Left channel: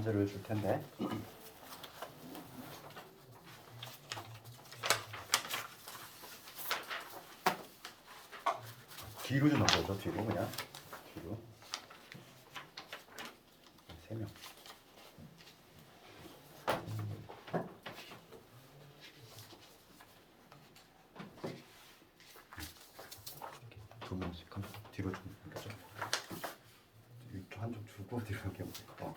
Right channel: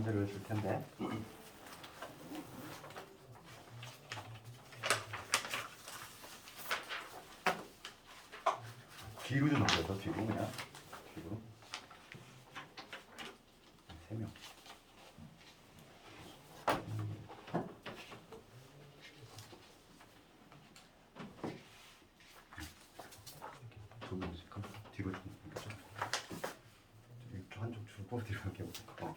문제를 줄 텐데. 뒤로 좀 넘겨서 뒤로 그냥 뒤로 3명. 두 명씩 뒤로 좀 넘겨서 이렇게 한쪽 주고 뒤로 이렇게 볼까?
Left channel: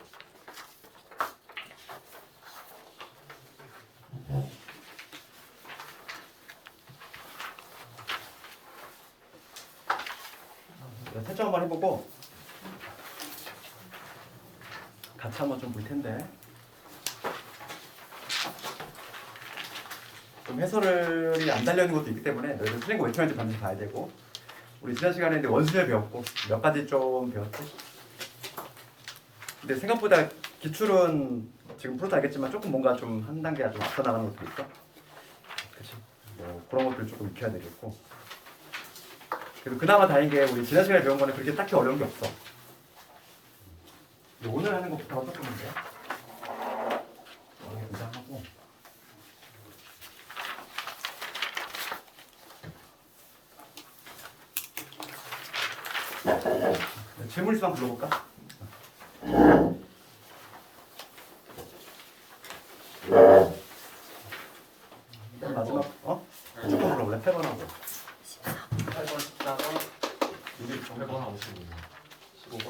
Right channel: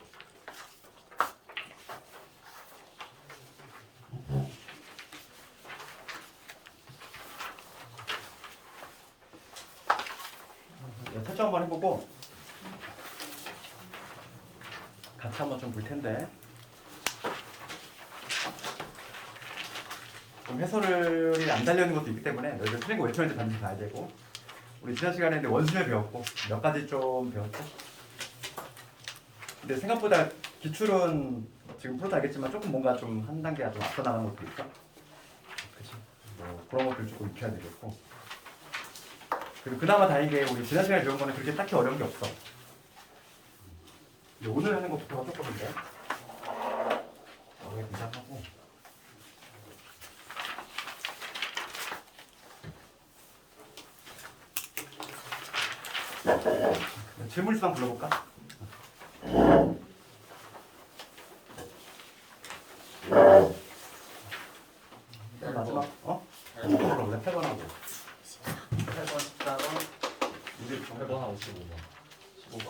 탈출 한번 해보고 같이 한번 좀 볼 텐데 좀 해설이 안 달려 있는 것도 있기 때문에 너희들 틀린 거 왜 틀렸는지 반드시 봐야 되고 우리 지난 시간에 원순열 배웠고 몇 가지 좀 배웠죠. 근데 생각보다 기출은 지금 풀어도 알겠지만 조금 뭔가 좀 한 단계가 좀 앞서 나가는 것도 있어. 그치? 뭐 그런 것들 조금 익혀야 되겠고. 그리고 그나마 다행인 게 우리 지난 시간에 배운 거는 그렇게 딱히 어려운 게 없어. 오늘 하는 것부터가 조금인데 어려운 긴장하고 질문 있으면 불러볼까? 마지막 조금 불러볼래? 8번하고 8번 14번 28번하고 15번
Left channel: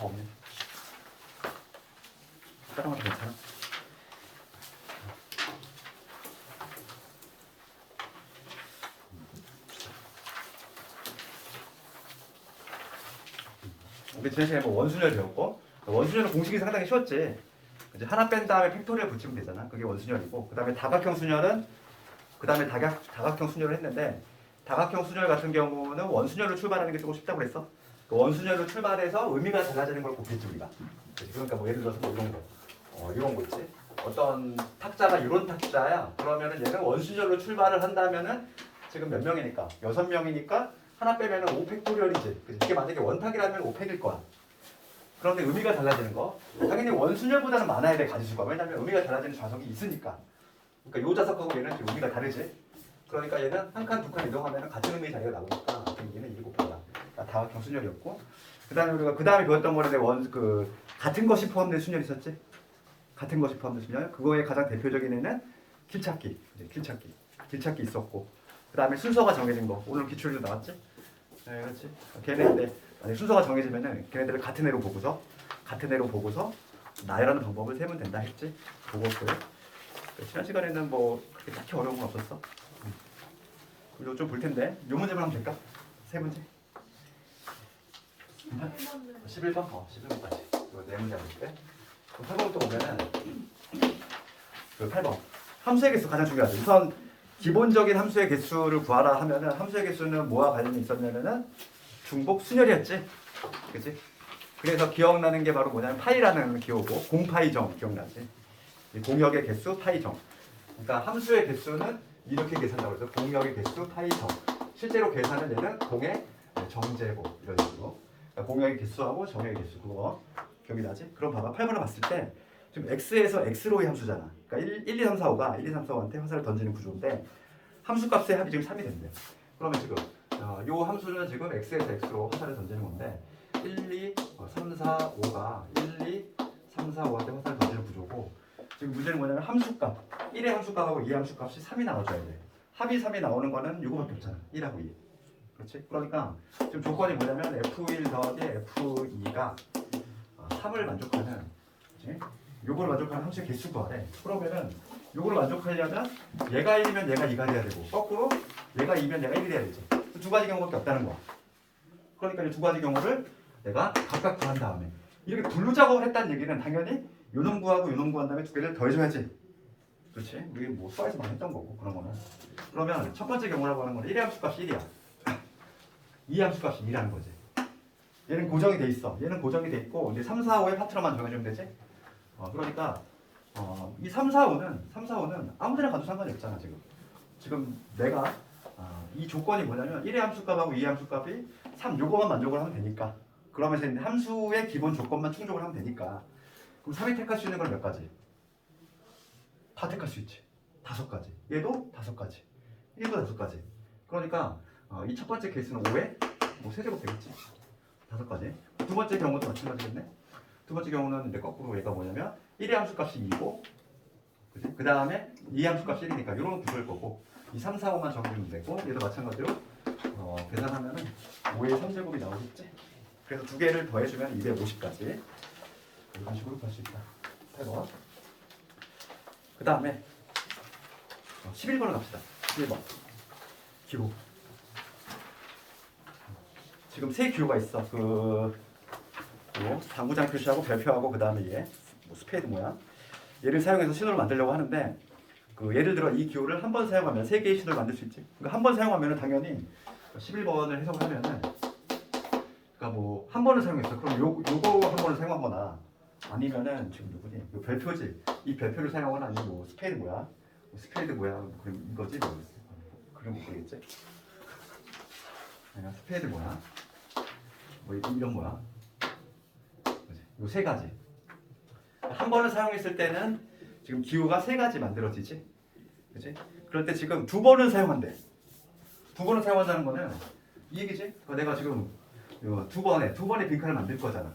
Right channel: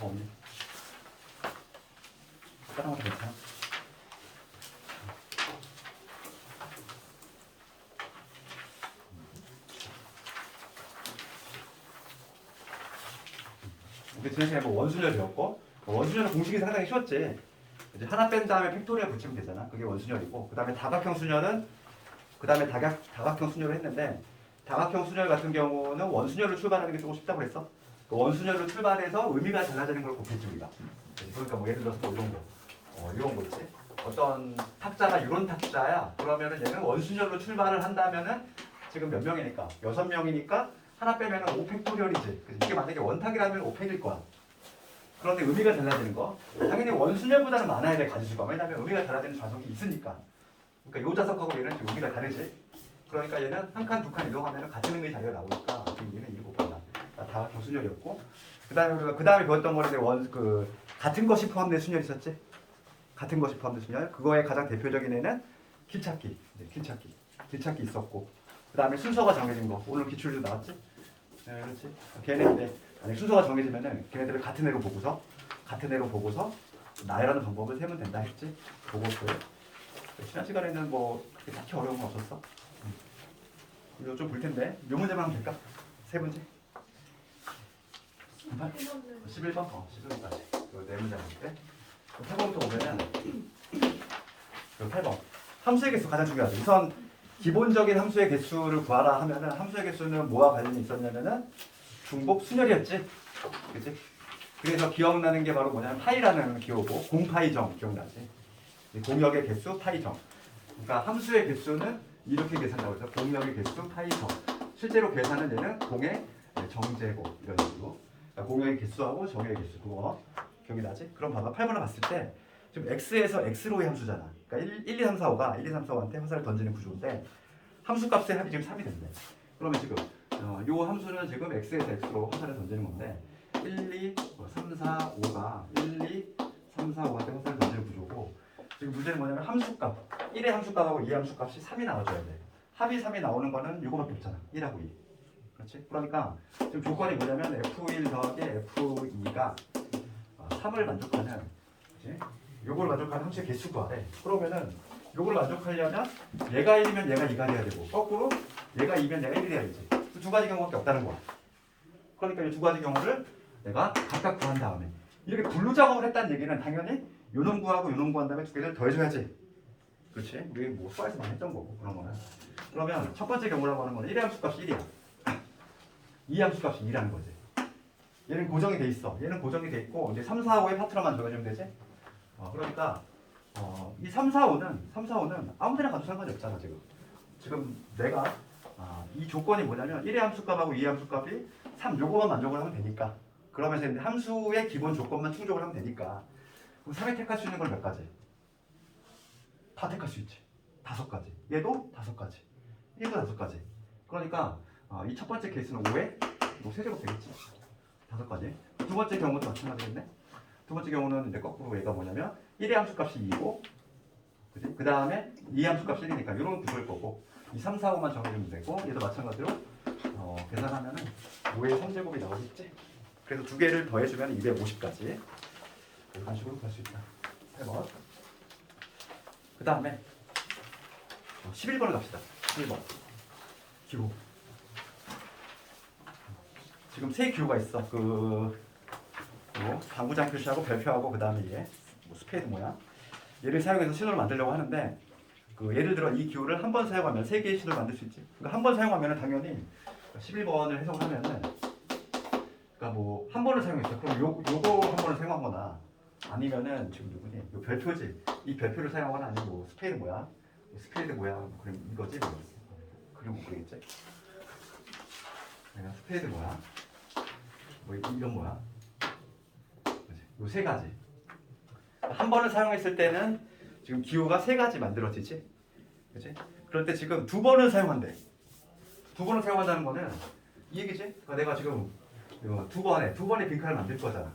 없네. 다른 것도 괜찮아? 우리 지난 시간에 뭐 원순열 배웠고 원순열은 공식이 상당히 쉬웠지. 이제 하나 뺀 다음에 팩토리얼 붙이면 되잖아. 그게 원순열이고 그 다음에 다각형 순열은 그 다음에 다각형 순열을 했는데 다각형 순열 같은 경우는 원순열로 출발하는 게 조금 쉽다고 그랬어. 그 원순열로 출발해서 의미가 달라지는 걸 곱겠지 우리가. 그러니까 뭐 예를 들어서 뭐 이런 거, 이런 거 있지. 어떤 탁자가 이런 탁자야. 그러면은 얘는 원순열로 출발을 한다면은 지금 몇 명이니까 6명이니까 하나 빼면은 5팩토리얼이지. 이게 만약에 원탁이라면 5팩일 거야. 그런데 의미가 달라지는 거. 당연히 원순열보다는 많아야 돼 가지수가. 왜냐면 의미가 달라지는 좌석이 있으니까. 그러니까 요 좌석하고 얘는 좀 의미가 다르지. 그러니까 얘는 한 칸, 두 칸 이동하면 같은 의미의 자리가 나오니까 그럼 얘는 7개야. 다각형 순열이었고. 그다음에 우리가 그다음에 배웠던 거는 같은 것이 포함된 순열이 있었지. 같은 것이 포함된 순열. 그거의 가장 대표적인 애는 길찾기. 길찾기 있었고. 그다음에 순서가 정해진 거. 오늘 기출도 나왔지. 네, 그렇지. 걔네들 순서가 정해지면은 걔네들을 같은 애로 보고서 나열하는 방법을 세면 된다 했지. 그것들. 지난 시간에는 뭐 그렇게 딱히 어려운 건 없었어. 이거 좀 볼 텐데. 요 문제만 하면 될까? 세 문제. 11번? 11번까지. 이거 네 문제 볼게. 8번부터 보면은 그 8번. 함수의 개수 가장 중요하죠. 우선 기본적인 함수의 개수를 구하라 하면은 함수의 개수는 뭐와 관련이 있었냐면은 중복 순열이었지. 그치? 그래서 기억나는 게 바로 뭐냐면 파이라는 기호고 공파이정 기억나지? 공역의 개수 파이정. 그러니까 함수의 개수는 이렇게 계산하고 있어. 공역의 개수 파이정. 실제로 계산은 얘는 공의 정제곱 이런 식으로. 그러니까 공역의 개수하고 정역의 개수 그거 기억이 나지? 그럼 봐봐 8번을 봤을 때 지금 x에서 x로의 함수잖아. 그러니까 1, 2, 3, 4, 5가 1, 2, 3, 4, 5한테 화살을 던지는 구조인데 함수값의 합이 지금 3이 됐네. 그러면 지금 요 함수는 지금 x에서 x로 화살을 던지는 건데 1, 2, 3, 4, 5가 1, 2, 3, 4, 5한테 화살을 던지는 구조고 지금 문제는 뭐냐면 함수값 1의 함수값하고 2의 함수값이 3이 나와줘야 돼. 합이 3이 나오는 거는 요거밖에 없잖아. 1하고 2. 그렇지? 그러니까 지금 조건이 뭐냐면 F1 더하기 F2가 3을 만족하는 그렇지? 요거를 만족하는 함수의 개수 구하래. 그러면은 요거를 만족하려면 얘가 1이면 얘가 2가 돼야 되고 거꾸로 얘가 2면 얘가 1이 돼야 되지. 두 가지 경우밖에 없다는 거야. 그러니까 이 두 가지 경우를 내가 각각 구한 다음에 이렇게 분류 작업을 했다는 얘기는 당연히 요놈 구하고 요놈 구한 다음에 두 개를 더해줘야지. 그렇지? 우리 뭐 수학에서 많이 했던 거고 그런 거는. 그러면 첫 번째 경우라고 하는 거는 1의 함수값이 1이야. 2의 함수값이 2라는 거지. 얘는 고정이 돼 있어. 얘는 고정이 돼 있고 이제 3, 4, 5의 파트너만 정해주면 되지. 그러니까 이 3, 4, 5는 아무 데나 가도 상관이 없잖아 지금. 지금 내가 이 조건이 뭐냐면 1의 함수값하고 2의 함수값이 3 요거만 만족을 하면 되니까 그러면서 이제 함수의 기본 조건만 충족을 하면 되니까. 그럼 3이 택할 수 있는 건 몇 가지? 다 택할 수 있지. 5가지. 얘도 5가지. 얘도 5가지. 그러니까 이 첫 번째 케이스는 5에 뭐 세제곱 되겠지. 5가지. 두 번째 경우도 마찬가지겠네. 두 번째 경우는 이제 거꾸로 얘가 뭐냐면 1의 함수값이 2고, 그지? 그 다음에 2의 함수값이 1이니까 이런 구조일 거고, 이 3, 4, 5만 정해주면 되고, 얘도 마찬가지로 계산하면은 5의 3제곱이 나오겠지. 그래서 두 개를 더해주면 250까지 이런 식으로 갈 수 있다. 8번. 그 다음에 11번을 갑시다. 11번 기호. 지금 세 기호가 있어. 당구장 표시하고 별표하고 그 다음에 얘 뭐 스페이드 모양. 얘를 사용해서 신호를 만들려고 하는데, 예를 들어 이 기호를 한 번 사용하면 세 개의 신호를 만들 수 있지. 그러니까 한 번 사용하면 당연히 11번을 해석하면은, 그러니까 뭐 한 번을 사용했어. 그럼 요거 한 번을 사용하거나, 아니면은 지금 누구니? 요 별표지. 이 별표를 사용하거나, 아니면 뭐 스페이드 모양, 스페이드 모양, 그럼 이거지. 뭐. 그림 못 그리겠지? 아니면 스페이드 모양, 뭐 이런 모양. 요 세 가지. 한 번을 사용했을 때는 지금 기호가 3가지 만들어지지, 그렇지? 그럴 때 지금 2번을 사용한대. 2번을 사용한다는 거는 이 얘기지. 그러니까 내가 지금 두 번에 빈칸을 만들 거잖아.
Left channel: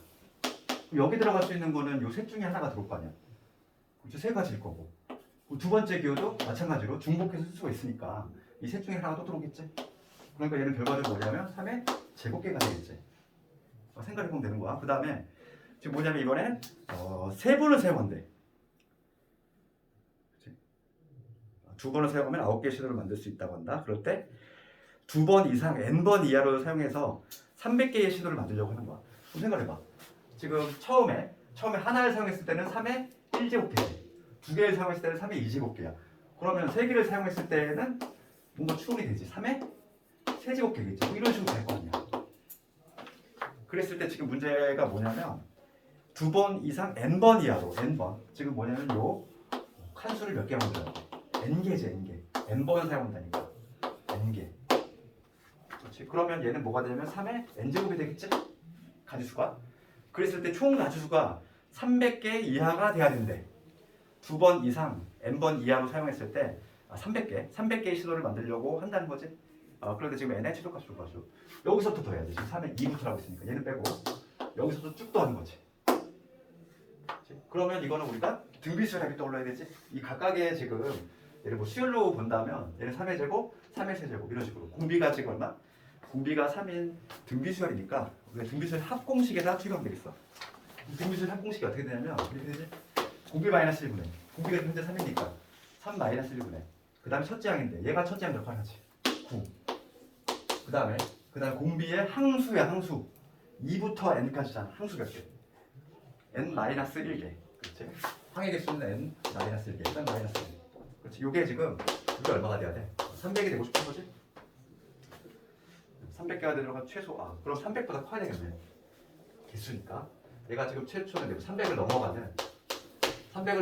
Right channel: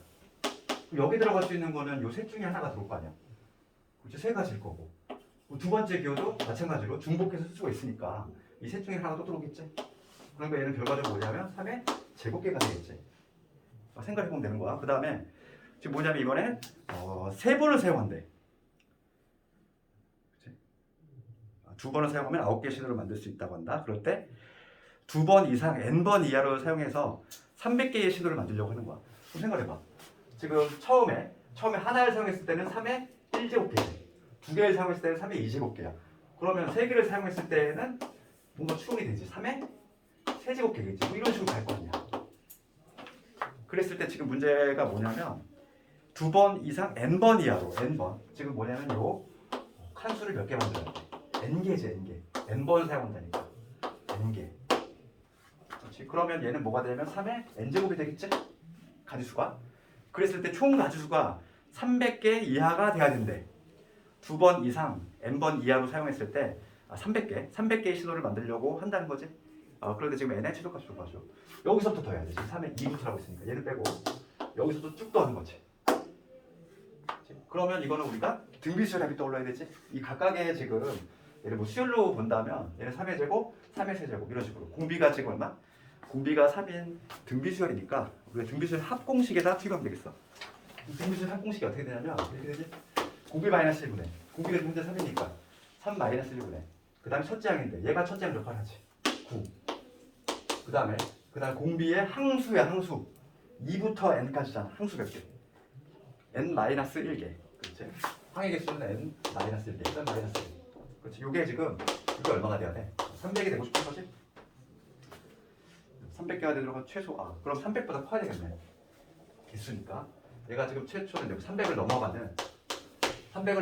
그럼 여기 들어갈 수 있는 거는 요 셋 중에 하나가 들어올 거 아니야. 그렇지? 3가지일 거고. 두 번째 기호도 마찬가지로 중복해서 쓸 수가 있으니까 이 셋 중에 하나가 또 들어오겠지. 그러니까 얘는 결과적으로 뭐냐면 3의 제곱계가 되겠지. 생각해보면 되는 거야. 그 다음에 지금 뭐냐면 이번에 3번을 사용한대. 그치? 2번을 사용하면 9개의 신호를 만들 수 있다고 한다. 그럴 때 2번 이상 n번 이하로 사용해서 300개의 신호를 만들려고 하는 거야. 그럼 생각해봐. 지금 처음에 하나를 사용했을 때는 3의 1제곱계야. 2개를 사용했을 때는 3의 2제곱계야. 그러면 3개를 사용했을 때는 뭔가 추론이 되지. 3의 세제곱계겠지. 뭐 이런 식으로 갈 거 아니야. 그랬을 때 지금 문제가 뭐냐면 2번 이상 n번 이하로, n번. 지금 뭐냐면 요 칸수를 몇 개 만들어야 돼. n개지, n개. n번 사용한다니까. n개. 그렇지. 그러면 얘는 뭐가 되냐면 3의 n제곱이 되겠지? 가지수가. 그랬을 때 총 가지수가 300개 이하가 돼야 된대. 2번 이상 n번 이하로 사용했을 때 300개의 신호를 만들려고 한다는 거지. 그런데 지금 n의 최소값이 줘가지고 여기서부터 더해야 돼. 지금 3의 2부터라고 있으니까 얘는 빼고 여기서도 쭉 더하는 거지. 그러면 이거는 우리가 등비수열합이 떠올려야 되지. 이 각각의 지금 얘를 뭐 수열로 본다면 얘는 3의 제곱, 3의 세제곱 이런 식으로. 공비가 지금 얼마? 공비가 3인 등비수열이니까 우리가 등비수열 합공식에다 투입되겠어. 등비수열 합공식이 어떻게 되냐면 이렇게 되지. 공비 마이너스 1분의 공비가 현재 3이니까 3 마이너스 1분의 그 다음에 첫째 항인데 얘가 첫째 항 역할을 하지. 9. 그 다음에 공비의 항수야, 항수. 2부터 n까지잖아. 항수 몇 개? n 마이너스 1개. 그렇지? 항의 개수는 n 마이너스 1개. n 마이너스 1개. 그렇지? 요게 지금 이게 얼마가 돼야 돼? 300이 되고 싶은 거지? 300개가 되려면 최소 그럼 300보다 커야 되겠네. 개수니까. 얘가 지금 최초는 300을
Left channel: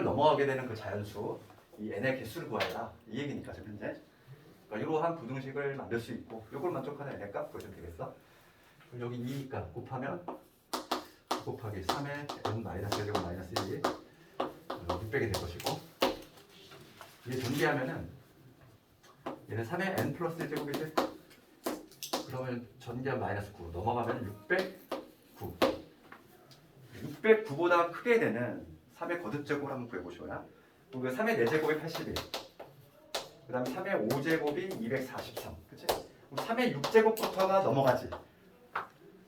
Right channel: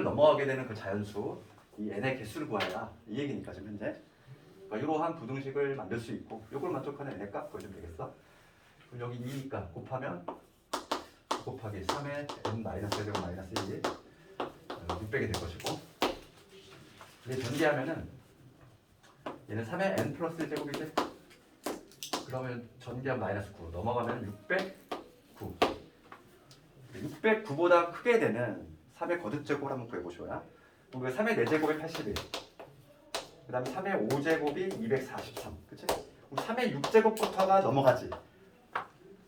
넘어가게 되는 그 자연수 이 n의 개수를 구하라. 이 얘기니까 지금 현재. 이러한 부등식을 만들 수 있고 이걸 만족하는 n의 값 구해주면 되겠어. 그럼 여기 2니까 곱하면 곱하기 3의 n 마이너스 1제곱 마이너스 1이 600이 될 것이고, 얘 전개하면은 얘는 3의 n 플러스 1제곱이지. 그러면 전개한 마이너스 9 넘어가면 609. 609보다 크게 되는 3의 거듭제곱을 한번 구해보시고요. 그리고 3의 4제곱이 81. 그 다음에 3의 5제곱이 243. 그치? 3의 6제곱부터가 넘어가지.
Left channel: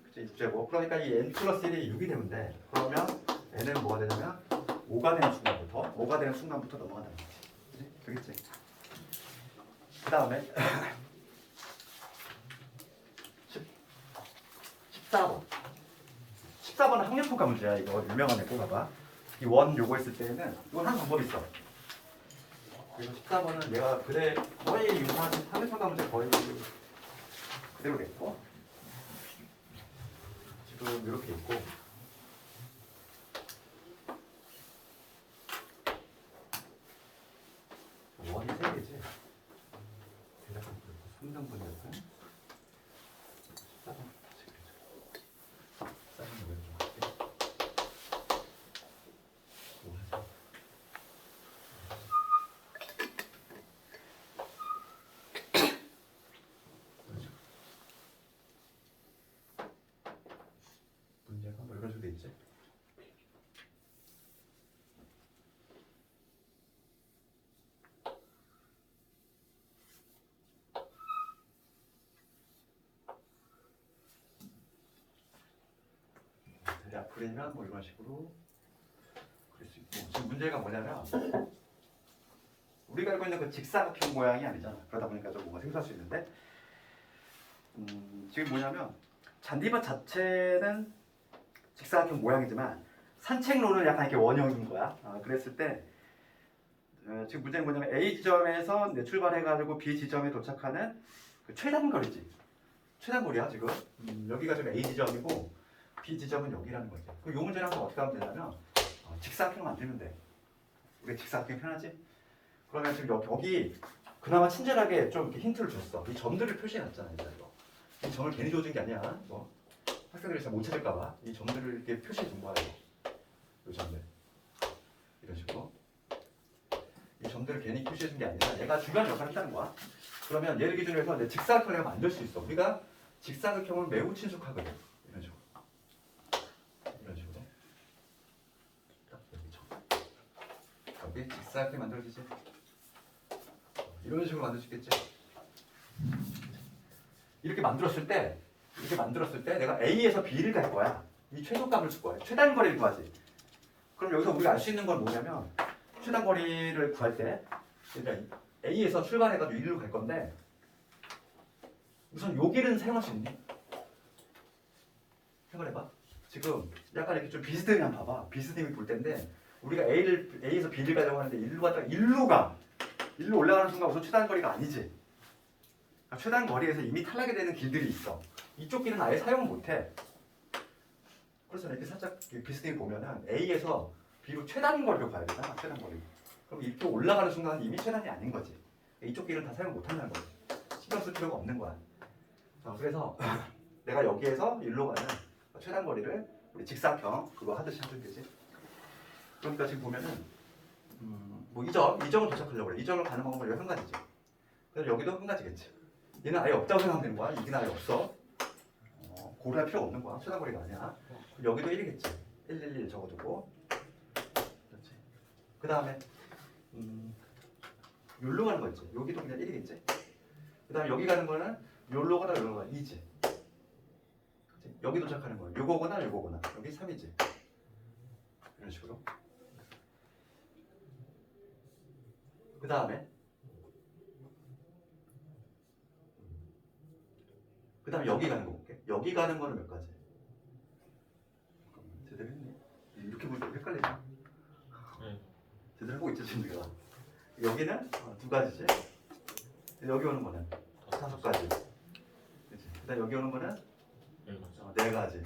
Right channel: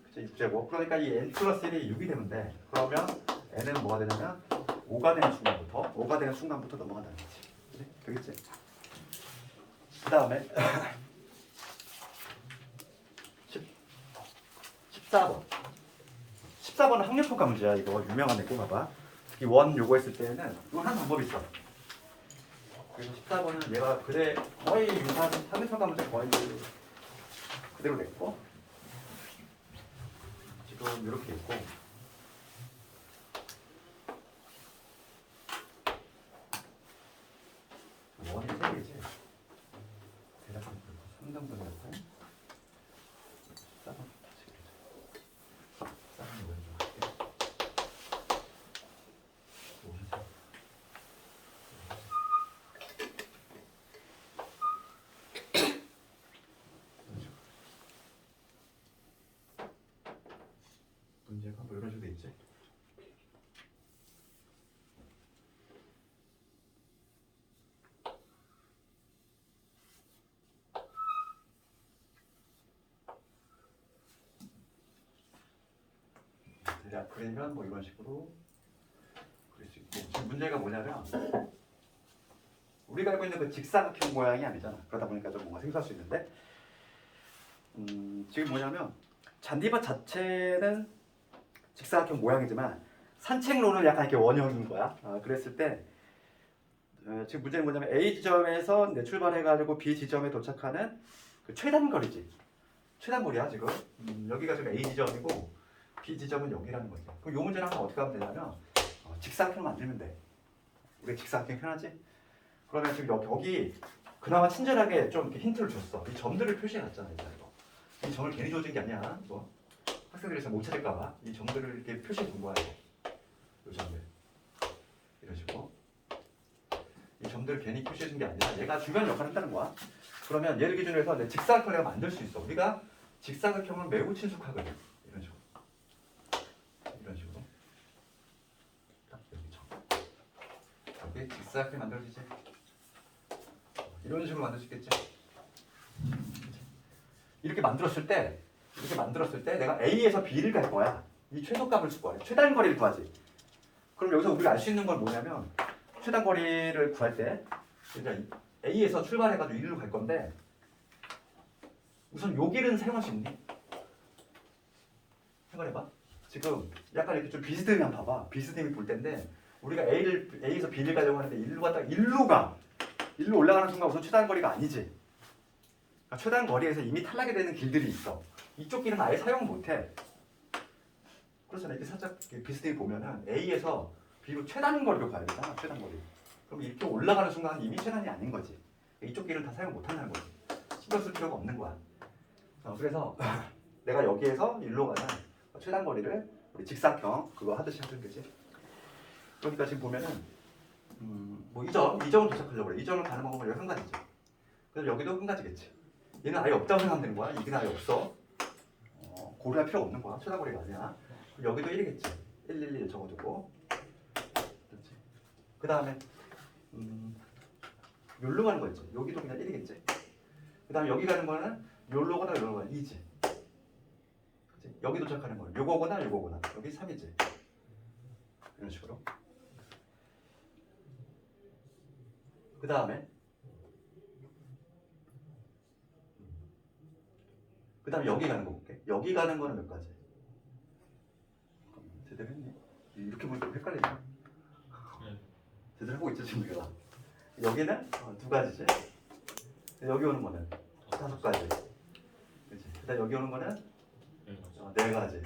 그치? 6제곱. 그러니까 이 n 플러스 1이 6이 되면 돼. 그러면 n은 뭐가 되냐면 5가 되는 순간부터 넘어간다는 거지. 그치? 되겠지? 그 다음에 14번. 14번은 학력평가 문제야. 이거 유명한 애 꼭 봐봐. 이 원 요거 했을 때는 이건 한 방법이 있어. 그래서 14번은 얘가 거의 유사한 학력평가 문제 거의 그대로겠고, 지금 이렇게 있고, 원이 3개지. 대략 3등분이니까 14번 다시 그리자. 대략 그리면 뭐 이런 식으로 그릴 수 있고 지금 문제가 뭐냐면 우리가 알고 있는 그 직사각형 모양이 아니잖아. 그러다 보니까 좀 뭔가 생소할 수 있는데 지금 뭐냐면 잔디밭 자체는 직사각형 모양이지만 산책로는 약간 이렇게 원형인 거야. 그랬을 때 지금 문제는 뭐냐면 A 지점에서 출발해가지고 B 지점에 도착하는 그 최단거리지. 최단거리야 지금. 여기가 지금 A 지점이고 B 지점은 여기라는 거죠. 그럼 이 문제는 어떻게 하면 되냐면 직사각형 만들면 돼. 우리 직사각형 편하지? 그러면 지금 여기 그나마 친절하게 좀 이렇게 힌트를 줬어. 이 점들을 표시해놨잖아 이거. 이 점을 괜히 줘준 게 아니야. 이거 학생들이 잘 못 찾을까봐 이 점들을 이렇게 표시해 준 거야 이거. 이 점들 이런 식으로 이 점들을 괜히 표시해 준 게 아니라 얘가 중요한 역할을 한다는 거야. 그러면 얘를 기준으로 해서 내 직사각형을 내가 만들 수 있어. 우리가 직사각형을 매우 친숙하거든. 이런 식으로 이런 식으로 딱 여기 직사각형이 만들어지지. 이런 식으로 만들 수 있겠지. 이렇게 만들었을 때 내가 A에서 B를 갈 거야. 이 최소값을 쓸 거야. 최단거리를 구하지. 그럼 여기서 우리가 알 수 있는 건 뭐냐면 최단거리를 구할 때 그러니까 A에서 출발해가지고 1로 갈 건데 우선 요 길은 사용할 수 있니? 생각해봐. 지금 약간 이렇게 좀 비스듬히 한번 봐봐. 비스듬히 볼 텐데 우리가 A에서 B를 가려고 하는데 1로 갔다가 1로 올라가는 순간 우선 최단거리가 아니지. 그러니까 최단거리에서 이미 탈락이 되는 길들이 있어. 이쪽 길은 아예 사용 못해. 그래서 이렇게 살짝 비스듬히 보면은 A에서 B로 최단거리로 가야 되잖아. 최단거리. 그럼 이렇게 올라가는 순간 이미 최단이 아닌 거지. 이쪽 길은 다 사용 못한다는 거지. 신경 쓸 필요가 없는 거야. 그래서 내가 여기에서 1로 가는 최단거리를 우리 직사각형 그거 하듯이 하면 되지. 그러니까 지금 보면은 뭐 이 점을 도착하려고 그래. 이 점을 가는 방법은 여기 한 가지지. 그래서 여기도 한 가지겠지. 얘는 아예 없다고 생각하면 되는 거야. 이게 아예 없어. 고려할 필요 없는 거야. 최단거리가 아니야. 그럼 여기도 1이겠지. 111 적어주고. 그렇지. 그 다음에 여기로 가는 거 있지. 여기도 그냥 1이겠지. 그 다음에 여기 가는 거는 여기로거나 여기로거나 2지. 여기 도착하는 거야. 요거거나 요거거나. 여기 3이지. 이런 식으로. 그 다음에 여기 가는 거 볼게. 여기 가는 거는 몇 가지? 제대로 했니? 이렇게 보니까 헷갈리네. 네. 제대로 하고 있지 지금 내가. 여기는 2가지지. 여기 오는 거는 5가지. 그렇지. 그다음 여기 오는 거는 4가지.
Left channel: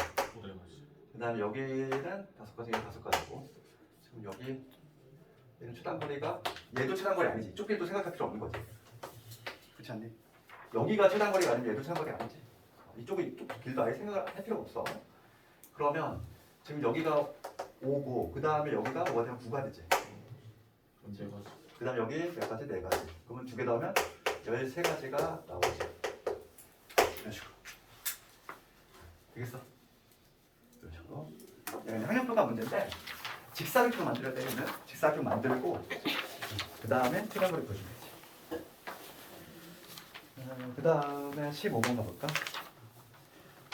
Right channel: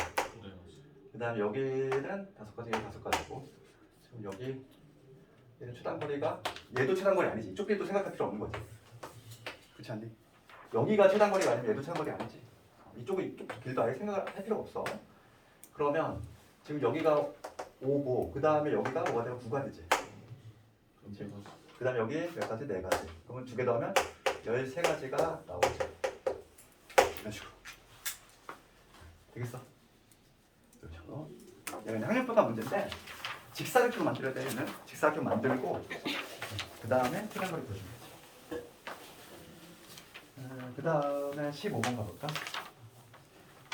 그다음 여기는 5가지가 5가지고. 지금 여기 얘는 최단거리가 얘도 최단거리 아니지. 이쪽 길도 생각할 필요 없는 거지. 그렇지 않니? 여기가 최단거리가 아니면 얘도 최단거리 아니지. 이쪽 길도 아예 생각할 필요가 없어. 그러면 지금 여기가 5고 그 다음에 여기가 뭐가 되면 9가지지. 그 다음에 여기 몇 가지? 4가지. 그러면 2개 더하면 13가지가 나오지. 이런 식으로. 되겠어? 이런 식으로. 여기는 항역도가 문제인데 직사각형 만들어야 되면 직사각형 만들고 그 다음에 최단거리 보여주면 되지. 그 다음에 15번 가볼까?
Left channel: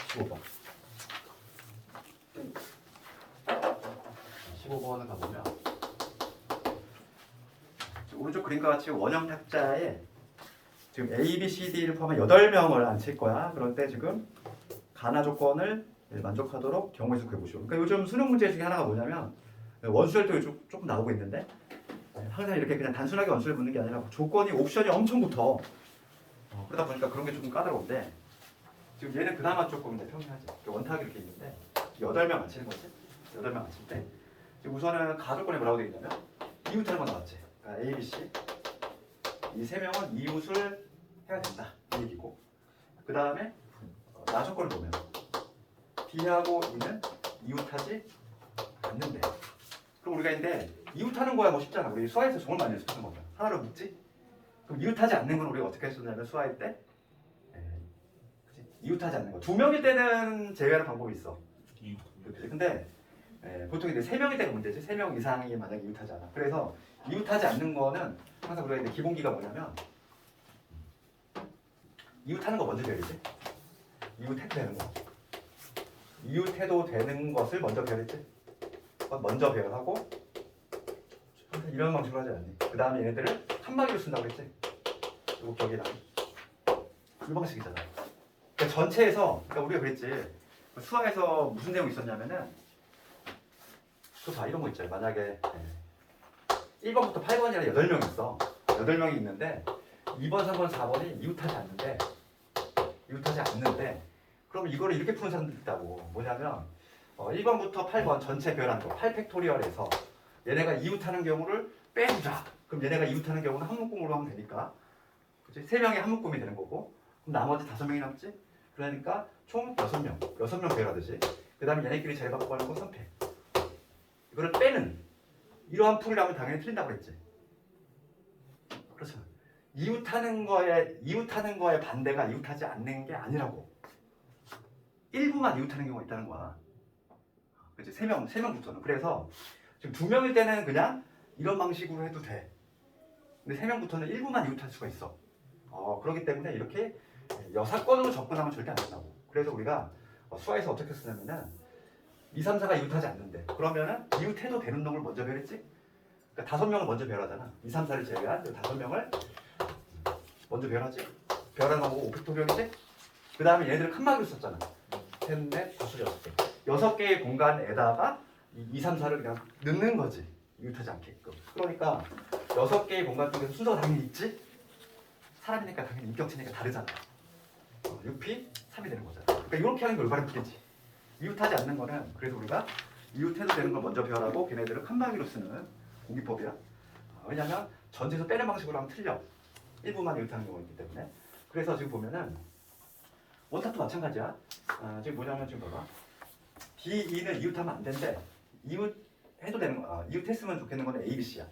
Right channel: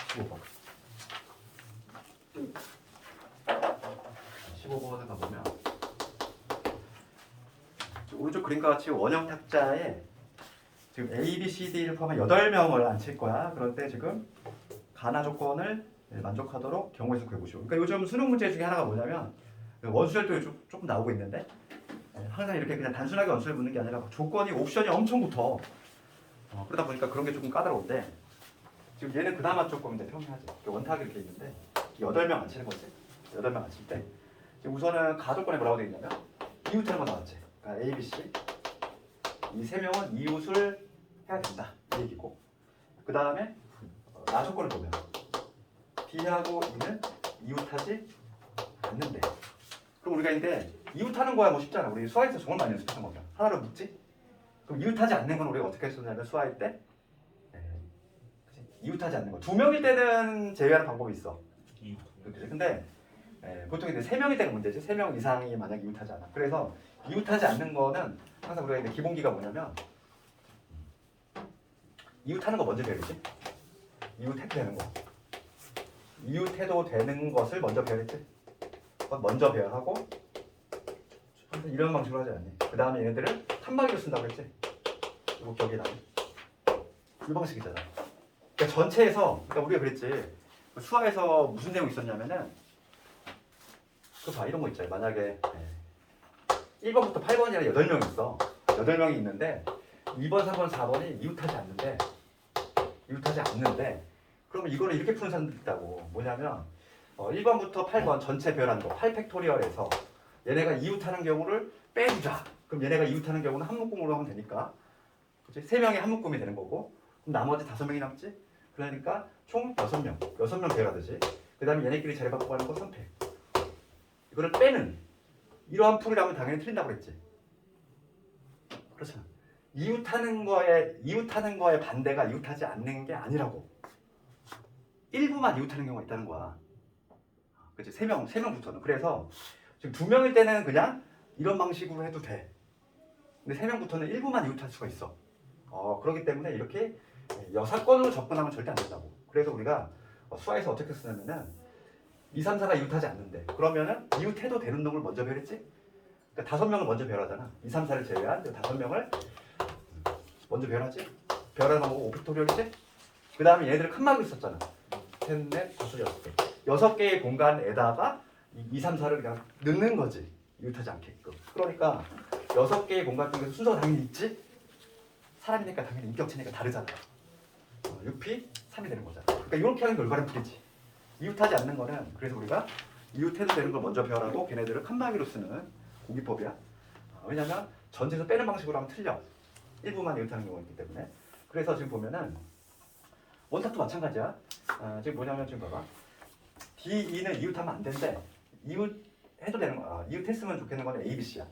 15번. 15번을 가보면 오른쪽 그림과 같이 원형 탁자에 지금 A, B, C, D를 포함한 8명을 앉힐 거야. 그럴 때 지금 가나 조건을 만족하도록 경우의 수 구해보시오. 그러니까 요즘 수능 문제 중에 하나가 뭐냐면 원수열도 조금 나오고 있는데 항상 이렇게 그냥 단순하게 원수를 묻는 게 아니라 조건이 옵션이 엄청 붙어. 그러다 보니까 그런 게 조금 까다로운데 지금 얘는 그나마 조금 평이하지. 원탁이 이렇게 있는데 8명 앉히는 거지. 8명 앉힐 때 우선은 가조건에 뭐라고 되어 있냐면 이웃하는 거 나왔지. 그러니까 A, B, C 이 3명은 이웃을 해야 된다 이 얘기고 그 다음에 나 조건을 보면 B하고 E는 이웃하지 않는데 그럼 우리가 이제 이웃하는 거야 뭐 쉽잖아. 우리 수화에서 정말 많이 연습한 거면 하나로 묻지. 그럼 이웃하지 않는 건 우리가 어떻게 했었냐면 수화할 때 이웃하지 않는 거 2명일 때는 제외하는 방법이 있어. 근데 보통 이제 3명일 때가 문제지. 3명 이상이 만약 이웃하지 않아. 그래서 이웃하지 않는 거는 항상 우리가 이제 기본기가 뭐냐면 이웃하는 거 먼저 배우지. 이웃 택배하는 거. 이웃해도 되는 것을 먼저 배열했지. 먼저 배열하고 이런 방식으로 하지 않니? 그 다음에 얘네들을 칸막이로 쓴다고 했지. 이거 기억이 나니? 이 방식이잖아. 그러니까 전체에서 그러니까 우리가 그랬지. 수화에서 무슨 내용이 있었냐면은 또 봐 이런 거 있잖아요. 만약에 1번부터 8번이라 8명이 있어. 8명이 있는데 2번, 3번, 4번이 이웃하지 않는데 그러면 이거를 이렇게 푸는 사람도 있다고. 뭐냐면 1번부터 8번 전체 배열하는 거 8팩토리얼에서 얘네가 이웃하는 경우를 빼주자. 그럼 얘네가 이웃하는 경우는 한 묶음으로 하면 되니까 그치? 3명이 한 묶음이 되는 거고 그럼 나머지 5명이 남지? 그러니까 총 6명 배열하듯이 그 다음에 얘네끼리 자리바꾸고 하는 거 선택. 이거를 빼는 이러한 풀이라면 당연히 틀린다고 그랬지. 그렇죠. 이웃하는 거에 반대가 이웃하지 않는 게 아니라고. 일부만 이웃하는 경우가 있다는 거야. 그치? 3명부터는. 그래서 지금 2명일 때는 그냥 이런 방식으로 해도 돼. 근데 3명부터는 일부만 이웃할 수가 있어. 그렇기 때문에 이렇게 여사건으로 접근하면 절대 안 된다고. 그래서 우리가 수화에서 어떻게 쓰냐면은 2, 3, 4가 이웃하지 않는데 그러면은 이웃해도 되는 놈을 먼저 배열했지? 그러니까 5명을 먼저 배열하잖아. 2, 3, 4를 제외한 5명을 먼저 배열하지? 배열하고 오피토리얼이지? 그 다음에 얘네들을 칸막이로 썼잖아. 셋, 넷, 다섯, 6개. 6개의 공간에다가 2, 3, 4를 그냥 넣는 거지. 이웃하지 않게끔. 그러니까 6개의 공간 중에서 순서가 당연히 있지? 사람이니까 당연히 인격체니까 다르잖아. 6P, 3이 되는 거잖아. 그러니까 이렇게 하는 게 올바른 풀이지. 이웃하지 않는 거는 그래서 우리가 이웃해도 되는 걸 먼저 배열하고 걔네들을 칸막이로 쓰는 공기법이야. 왜냐면 전체에서 빼는 방식으로 하면 틀려. 일부만 이웃하는 경우가 있기 때문에. 그래서 지금 보면은 원탑도 마찬가지야. 지금 뭐냐면 지금 봐봐. D2는 이웃하면 안 된대. 이웃해도 되는 거야. 이웃했으면 좋겠는 거는 A, B, C야.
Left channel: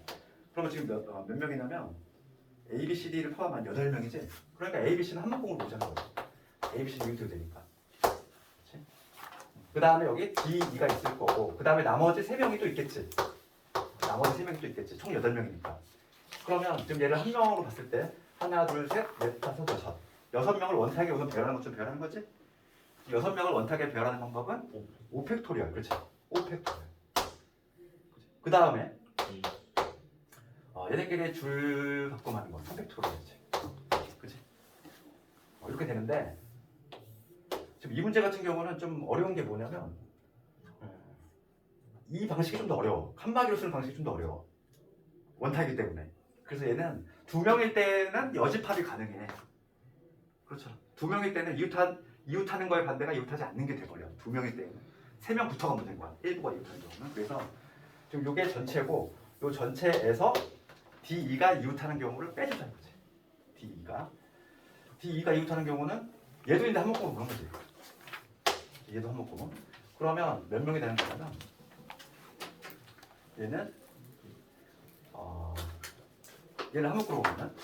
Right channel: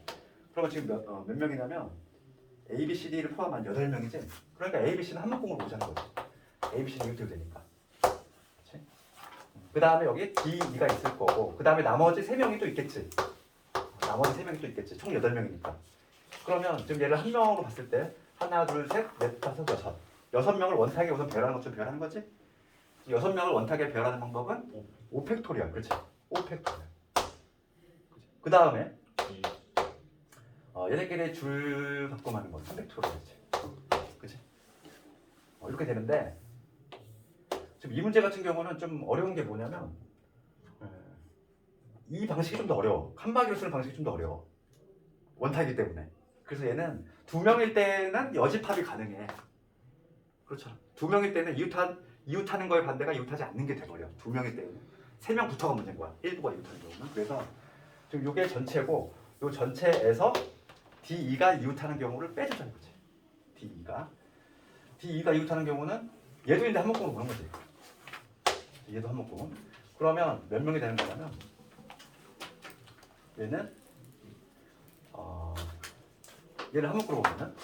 그러면 지금 몇 명이냐면 A, B, C, D를 포함한 8명이지. 그러니까 A, B, C는 한 묶음으로 보자는 거지. A, B, C는 이웃해도 되니까. 그 다음에 여기 D2가 있을 거고 그 다음에 나머지 3명이 또 있겠지. 총 8명이니까. 그러면 지금 얘를 한 명으로 봤을 때 하나, 둘, 셋, 넷, 다섯, 여섯. 6명을 원탁에 우선 배열하는 것좀 배열하는 거지. 6명을 원탁에 배열하는 방법은 5팩토리얼. 그렇지. 5팩토리얼. 그 다음에 얘네끼리 줄 바꿈하는 건 3팩토리얼이지. 그렇지. 이렇게 되는데 지금 이 문제 같은 경우는 좀 어려운 게 뭐냐면 이 방식이 좀 더 어려워. 칸막이로 쓰는 방식이 좀 더 어려워. 원탁이기 때문에. 그래서 얘는 2명일 때는 여집합이 가능해. 그렇죠. 2명일 때는 이웃하는 거에 반대가 이웃하지 않는 게 돼버려. 2명일 때는. 3명부터가 문제인 거야. 일부가 이웃하는 경우는. 그래서 지금 이게 전체고 이 전체에서 D2가 이웃하는 경우를 빼주자는 거지. D2가 이웃하는 경우는 얘도 있는데 한 묶음으로 보는 거지. 얘도 한 묶음. 그러면 몇 명이 되는 거냐면 얘는 얘를 한 묶음으로 보면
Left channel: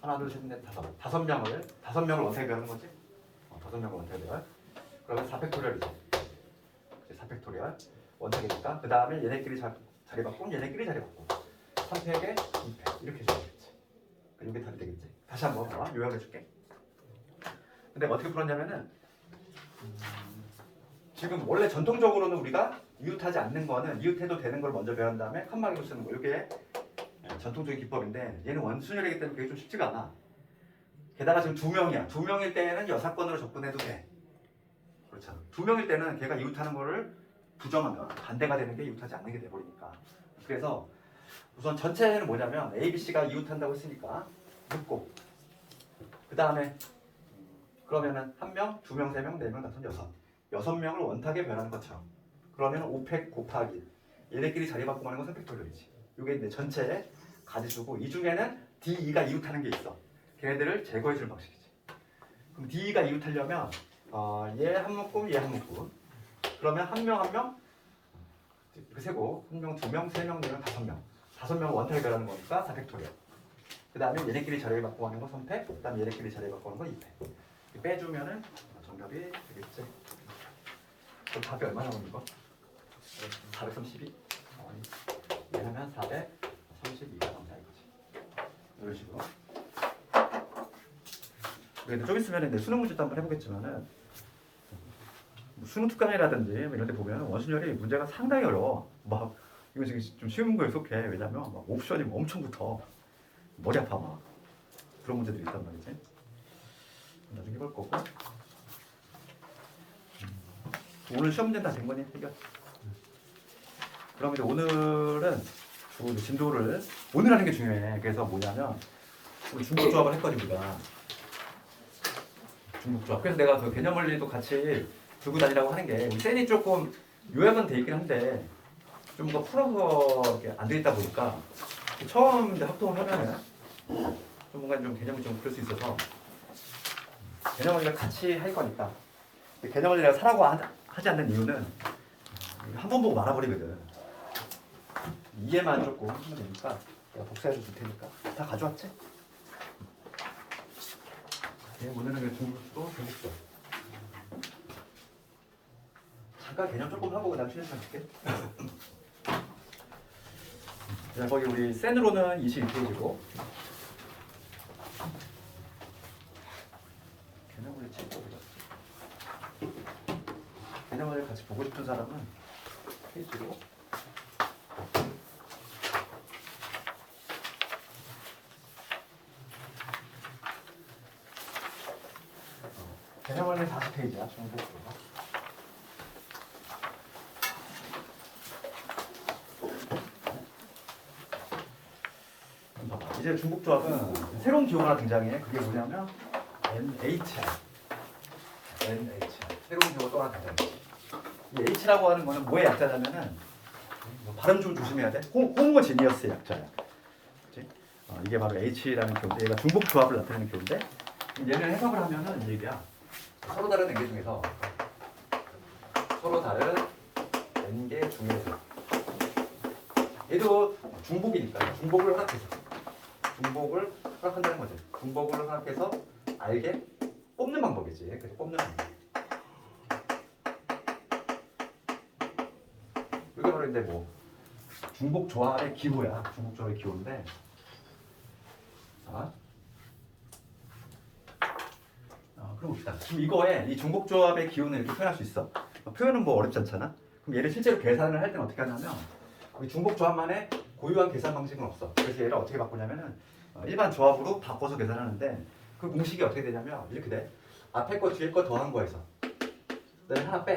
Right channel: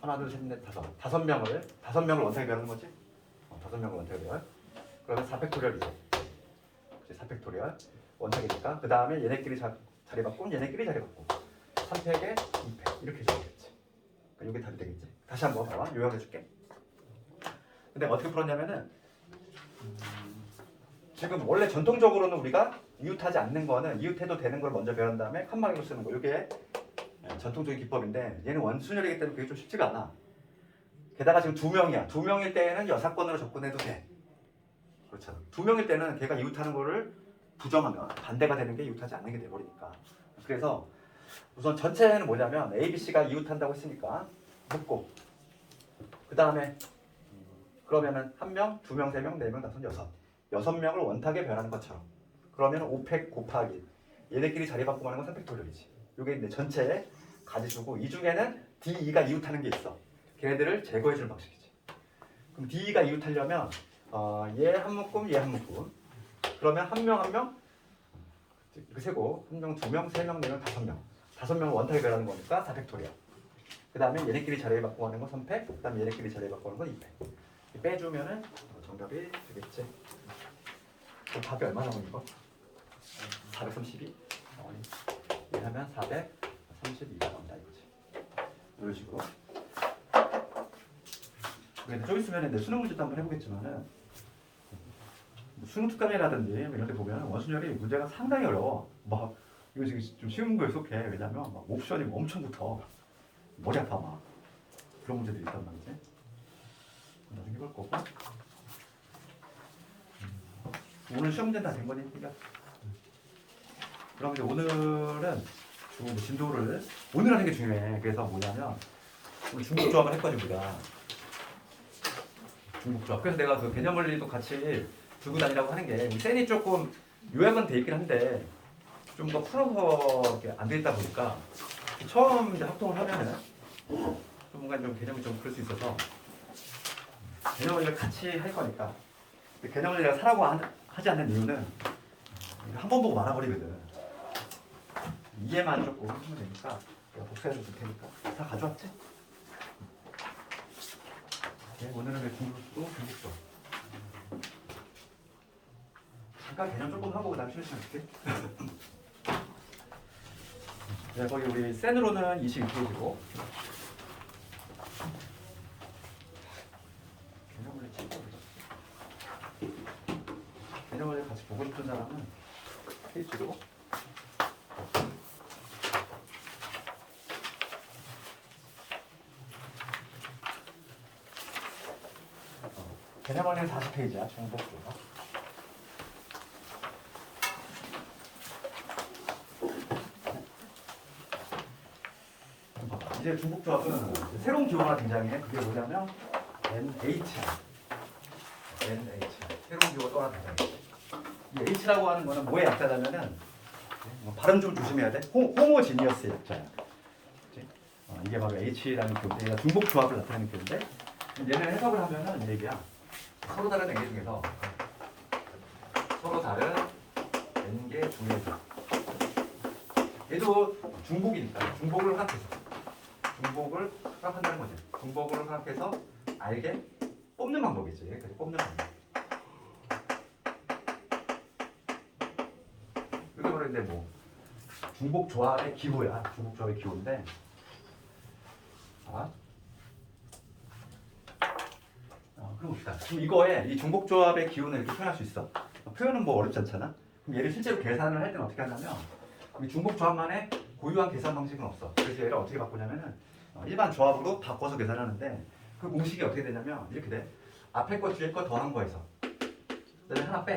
하나, 둘, 셋, 넷, 다섯 명을 원탁에 배우는 거지. 5명을 원탁에 배워. 그러면 4팩토리얼이지. 4팩토리얼 원탁이니까 그 다음에 얘네끼리 자리 바꾸면 얘네끼리 자리 바꾸고 3팩에 2팩 이렇게 줘야겠지. 그러니까 이게 답이 되겠지. 다시 한번 봐봐. 요약해줄게. 근데 어떻게 풀었냐면은 지금 원래 전통적으로는 우리가 이웃하지 않는 거는 이웃해도 되는 걸 먼저 배운 다음에 칸막이로 쓰는 거. 이게 전통적인 기법인데 얘는 원순열이기 때문에 그게 좀 쉽지가 않아. 게다가 지금 2명이야. 2명일 때에는 여사건으로 접근해도 돼. 그렇죠. 2명일 때는 걔가 이웃하는 거를 부정하면 반대가 되는 게 이웃하지 않는 게 돼버리니까. 그래서 우선 전체는 뭐냐면 A, B, C가 이웃한다고 했으니까 묶고 그 다음에 그러면은 1명, 2명, 3명, 4명, 5, 6명을 원탁에 배열하는 것처럼 그러면 5팩 곱하기 얘네끼리 자리 바꾸고 하는 건 3팩토리얼이지. 이게 이제 전체에 가지주고 이 중에는 D2가 이웃하는 게 있어. 걔네들을 제거해주는 방식이지. 그럼 D2가 이웃하려면 얘 한 묶음, 얘 한 묶음. 그러면 한 명 이렇게 세고 1명, 2명, 3명, 4명, 5명. 5명을 원탁에 배열하는 거니까 4팩토리얼. 그 다음에 얘네끼리 자리 바꾸고 하는 거 3팩. 그 다음에 얘네끼리 자리 바꾸고 하는 거 2팩. 빼주면은 정답이 되겠지. 그럼 답이 얼마 나오는 이거? 432? 왜냐면 432가 나온다 이거지. 이런 식으로. 그래, 좀 있으면 내 수능 문제도 한번 해보겠지만은 수능 특강이라든지 이런 데 보면 원순열이 문제가 상당히 어려워. 막 이거 지금 좀 쉬운 거에 속해. 왜냐면 막 옵션이 엄청 붙어. 머리 아파 막. 그런 문제들이 있단 말이지. 나중에 해볼 거고. 오늘 시험 문제는 다 된 거니? 해결. 그럼 이제 오늘은 주로 진도를 오늘 하는 게 중요해. 그래서 뭐냐면 우리 중복조합을 했거든 우리가. 중복조합. 그래서 내가 그 개념 원리도 같이 들고 다니라고 하는 게 우리 셀이 조금 요약은 돼 있긴 한데 좀 더 풀어서 이렇게 안 돼 있다 보니까 처음 이제 합동을 하면은 좀 뭔가 좀 개념을 좀 그럴 수 있어서 개념 원리를 같이 할 거니까. 근데 개념 원리 내가 사라고 하지 않는 이유는 이거 한 번 보고 말아버리거든. 이해만 조금 하면 되니까 내가 독서해서 줄 테니까 다 가져왔지? 오늘은 중국도 중국도 잠깐 개념 조금 하고 그다음 시간 좀 줄게. 자, 거기 우리 센으로는 22페이지고 개념을 책으로 개념을 같이 보고 싶은 사람은 페이지로 개념을 40페이지야 중복조합. 이제 중복조합은 새로운 기호가 하나 등장해. 그게 뭐냐면 NH야. NH. 새로운 기호가 또 하나 등장해. 이 H라고 하는 거는 뭐의 약자냐면은 뭐 발음 좀 조심해야 돼. 호모지니어스 약자야. 그치? 이게 바로 H라는 기호인데 얘가 중복조합을 나타내는 기호인데 얘는 해석을 하면은 이 얘기야. 서로 다른 N개 중에서 서로 다른 N개 중에서 얘도 중복이니까 중복을 허락한다는 거지. 중복을 허락해서 알게 뽑는 방법이지. 그래서 뽑는 방법. 이게 바로 근데 뭐 중복 조합의 기호야. 중복 조합의 기호인데. 그럼 봅시다. 그럼 이거에 이 중복 조합의 기호는 이렇게 표현할 수 있어. 표현은 뭐 어렵지 않잖아. 그럼 얘를 실제로 계산을 할 때는 어떻게 하냐면 이 중복 조합만의 고유한 계산 방식은 없어. 그래서 얘를 어떻게 바꾸냐면은 일반 조합으로 바꿔서 계산하는데 그 공식이 어떻게 되냐면 이렇게 돼. 앞에 거 뒤에 거 더한 거에서 그다음에 하나 빼.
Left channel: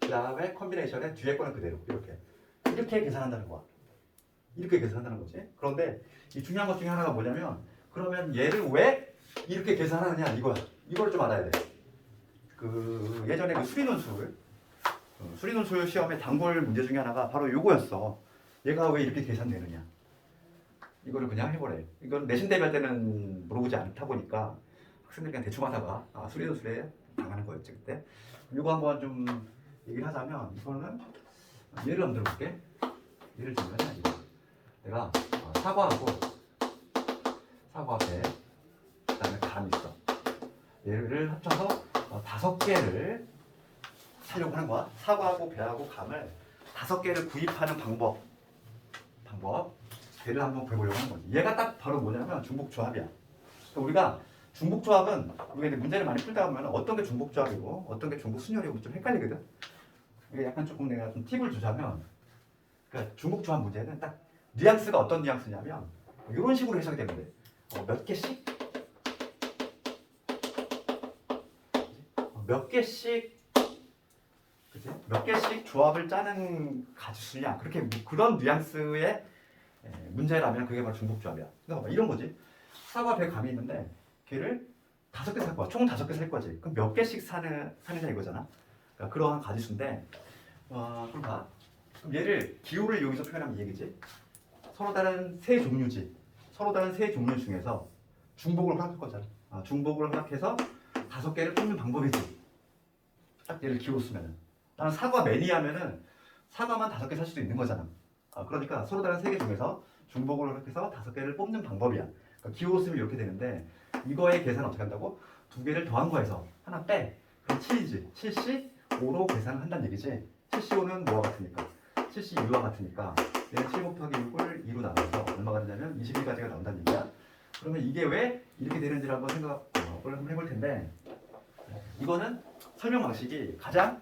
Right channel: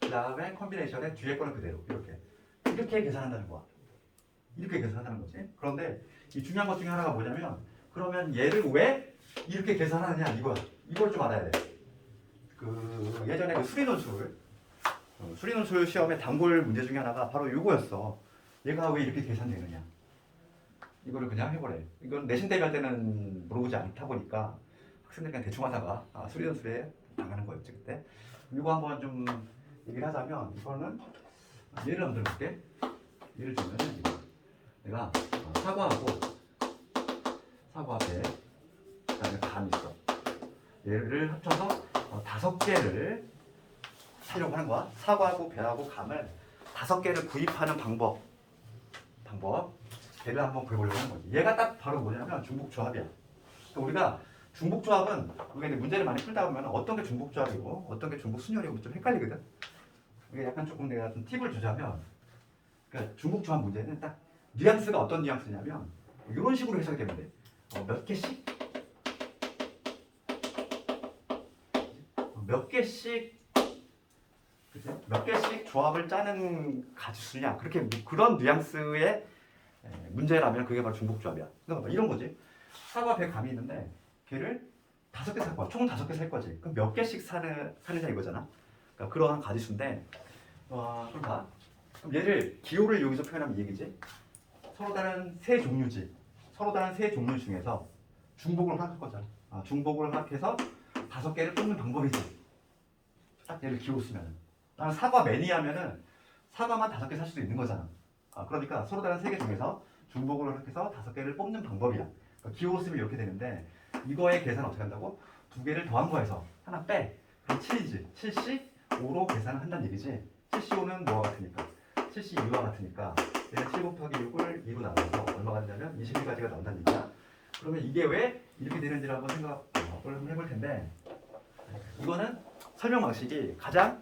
그 다음에 컨비네이션에 뒤에 거는 그대로 이렇게 계산한다는 거야. 이렇게 계산한다는 거지. 그런데 이 중요한 것 중에 하나가 뭐냐면 그러면 얘를 왜 이렇게 계산하느냐 이거야. 이걸 좀 알아야 돼. 그 예전에 그 수리논술 시험의 단골 문제 중에 하나가 바로 요거였어. 얘가 왜 이렇게 계산되느냐. 이거를 그냥 해보래. 이건 내신 대비할 때는 물어보지 않다 보니까 학생들이 그냥 대충 하다가 수리논술에 당하는 거였지 그때. 이거 한번 좀 얘기를 하자면 이거는 예를 한번 들어볼게. 예를 들면 내가 사과하고 사과 배 그다음에 감 있어. 얘를 합쳐서 5개를 사려고 하는 거야. 사과하고 배하고 감을 5개를 구입하는 방법. 배를 한번 구해보려고 하는 거지. 얘가 딱 바로 뭐냐면 중복조합이야. 그러니까 우리가 중복조합은 우리가 이제 문제를 많이 풀다 보면 어떤 게 중복조합이고 어떤 게 중복순열이고 좀 헷갈리거든. 이게 약간 조금 내가 좀 팁을 주자면 그러니까 중복조합 문제는 딱 뉘앙스가 어떤 뉘앙스냐면 이런 식으로 해석이 되면 돼. 몇 개씩 몇 개씩 조합을 짜는 가지수냐 그렇게 그런 뉘앙스의 문제라면 그게 바로 중복조합이야. 그러니까 이런 거지. 사과 배 감이 있는데 걔를 5개 살 거야. 총 5개 살 거지. 그럼 몇 개씩 사느냐 이거잖아. 그러니까 그러한 가지수인데 그럼 봐. 그럼 얘를 기호를 여기서 표현하면 이 얘기지. 서로 다른 세 종류지. 서로 다른 세 종류 중에서 중복을 허락할 거잖아. 중복을 허락해서 5개를 뽑는 방법이지. 딱 얘를 기호 쓰면은. 나는 사과 매니아면은 사과만 5개 살 수도 있는 거잖아. 그러니까 서로 다른 3개 중에서 중복을 허락해서 5개를 뽑는 방법이야. 그러니까 기호 쓰면 이렇게 되는데 이거의 계산은 어떻게 한다고? 2개를 더한 거에서 하나 빼. 그럼 7이지. 7C5로 계산을 한다는 얘기지. 7C5는 뭐와 같으니까? 7C2와 같으니까 얘는 7 곱하기 6을 2로 나눠서 얼마가 되냐면 21가지가 나온다는 얘기야. 그러면 이게 왜 이렇게 되는지를 한번 생각을 한번 해볼 텐데 이거는 설명 방식이 가장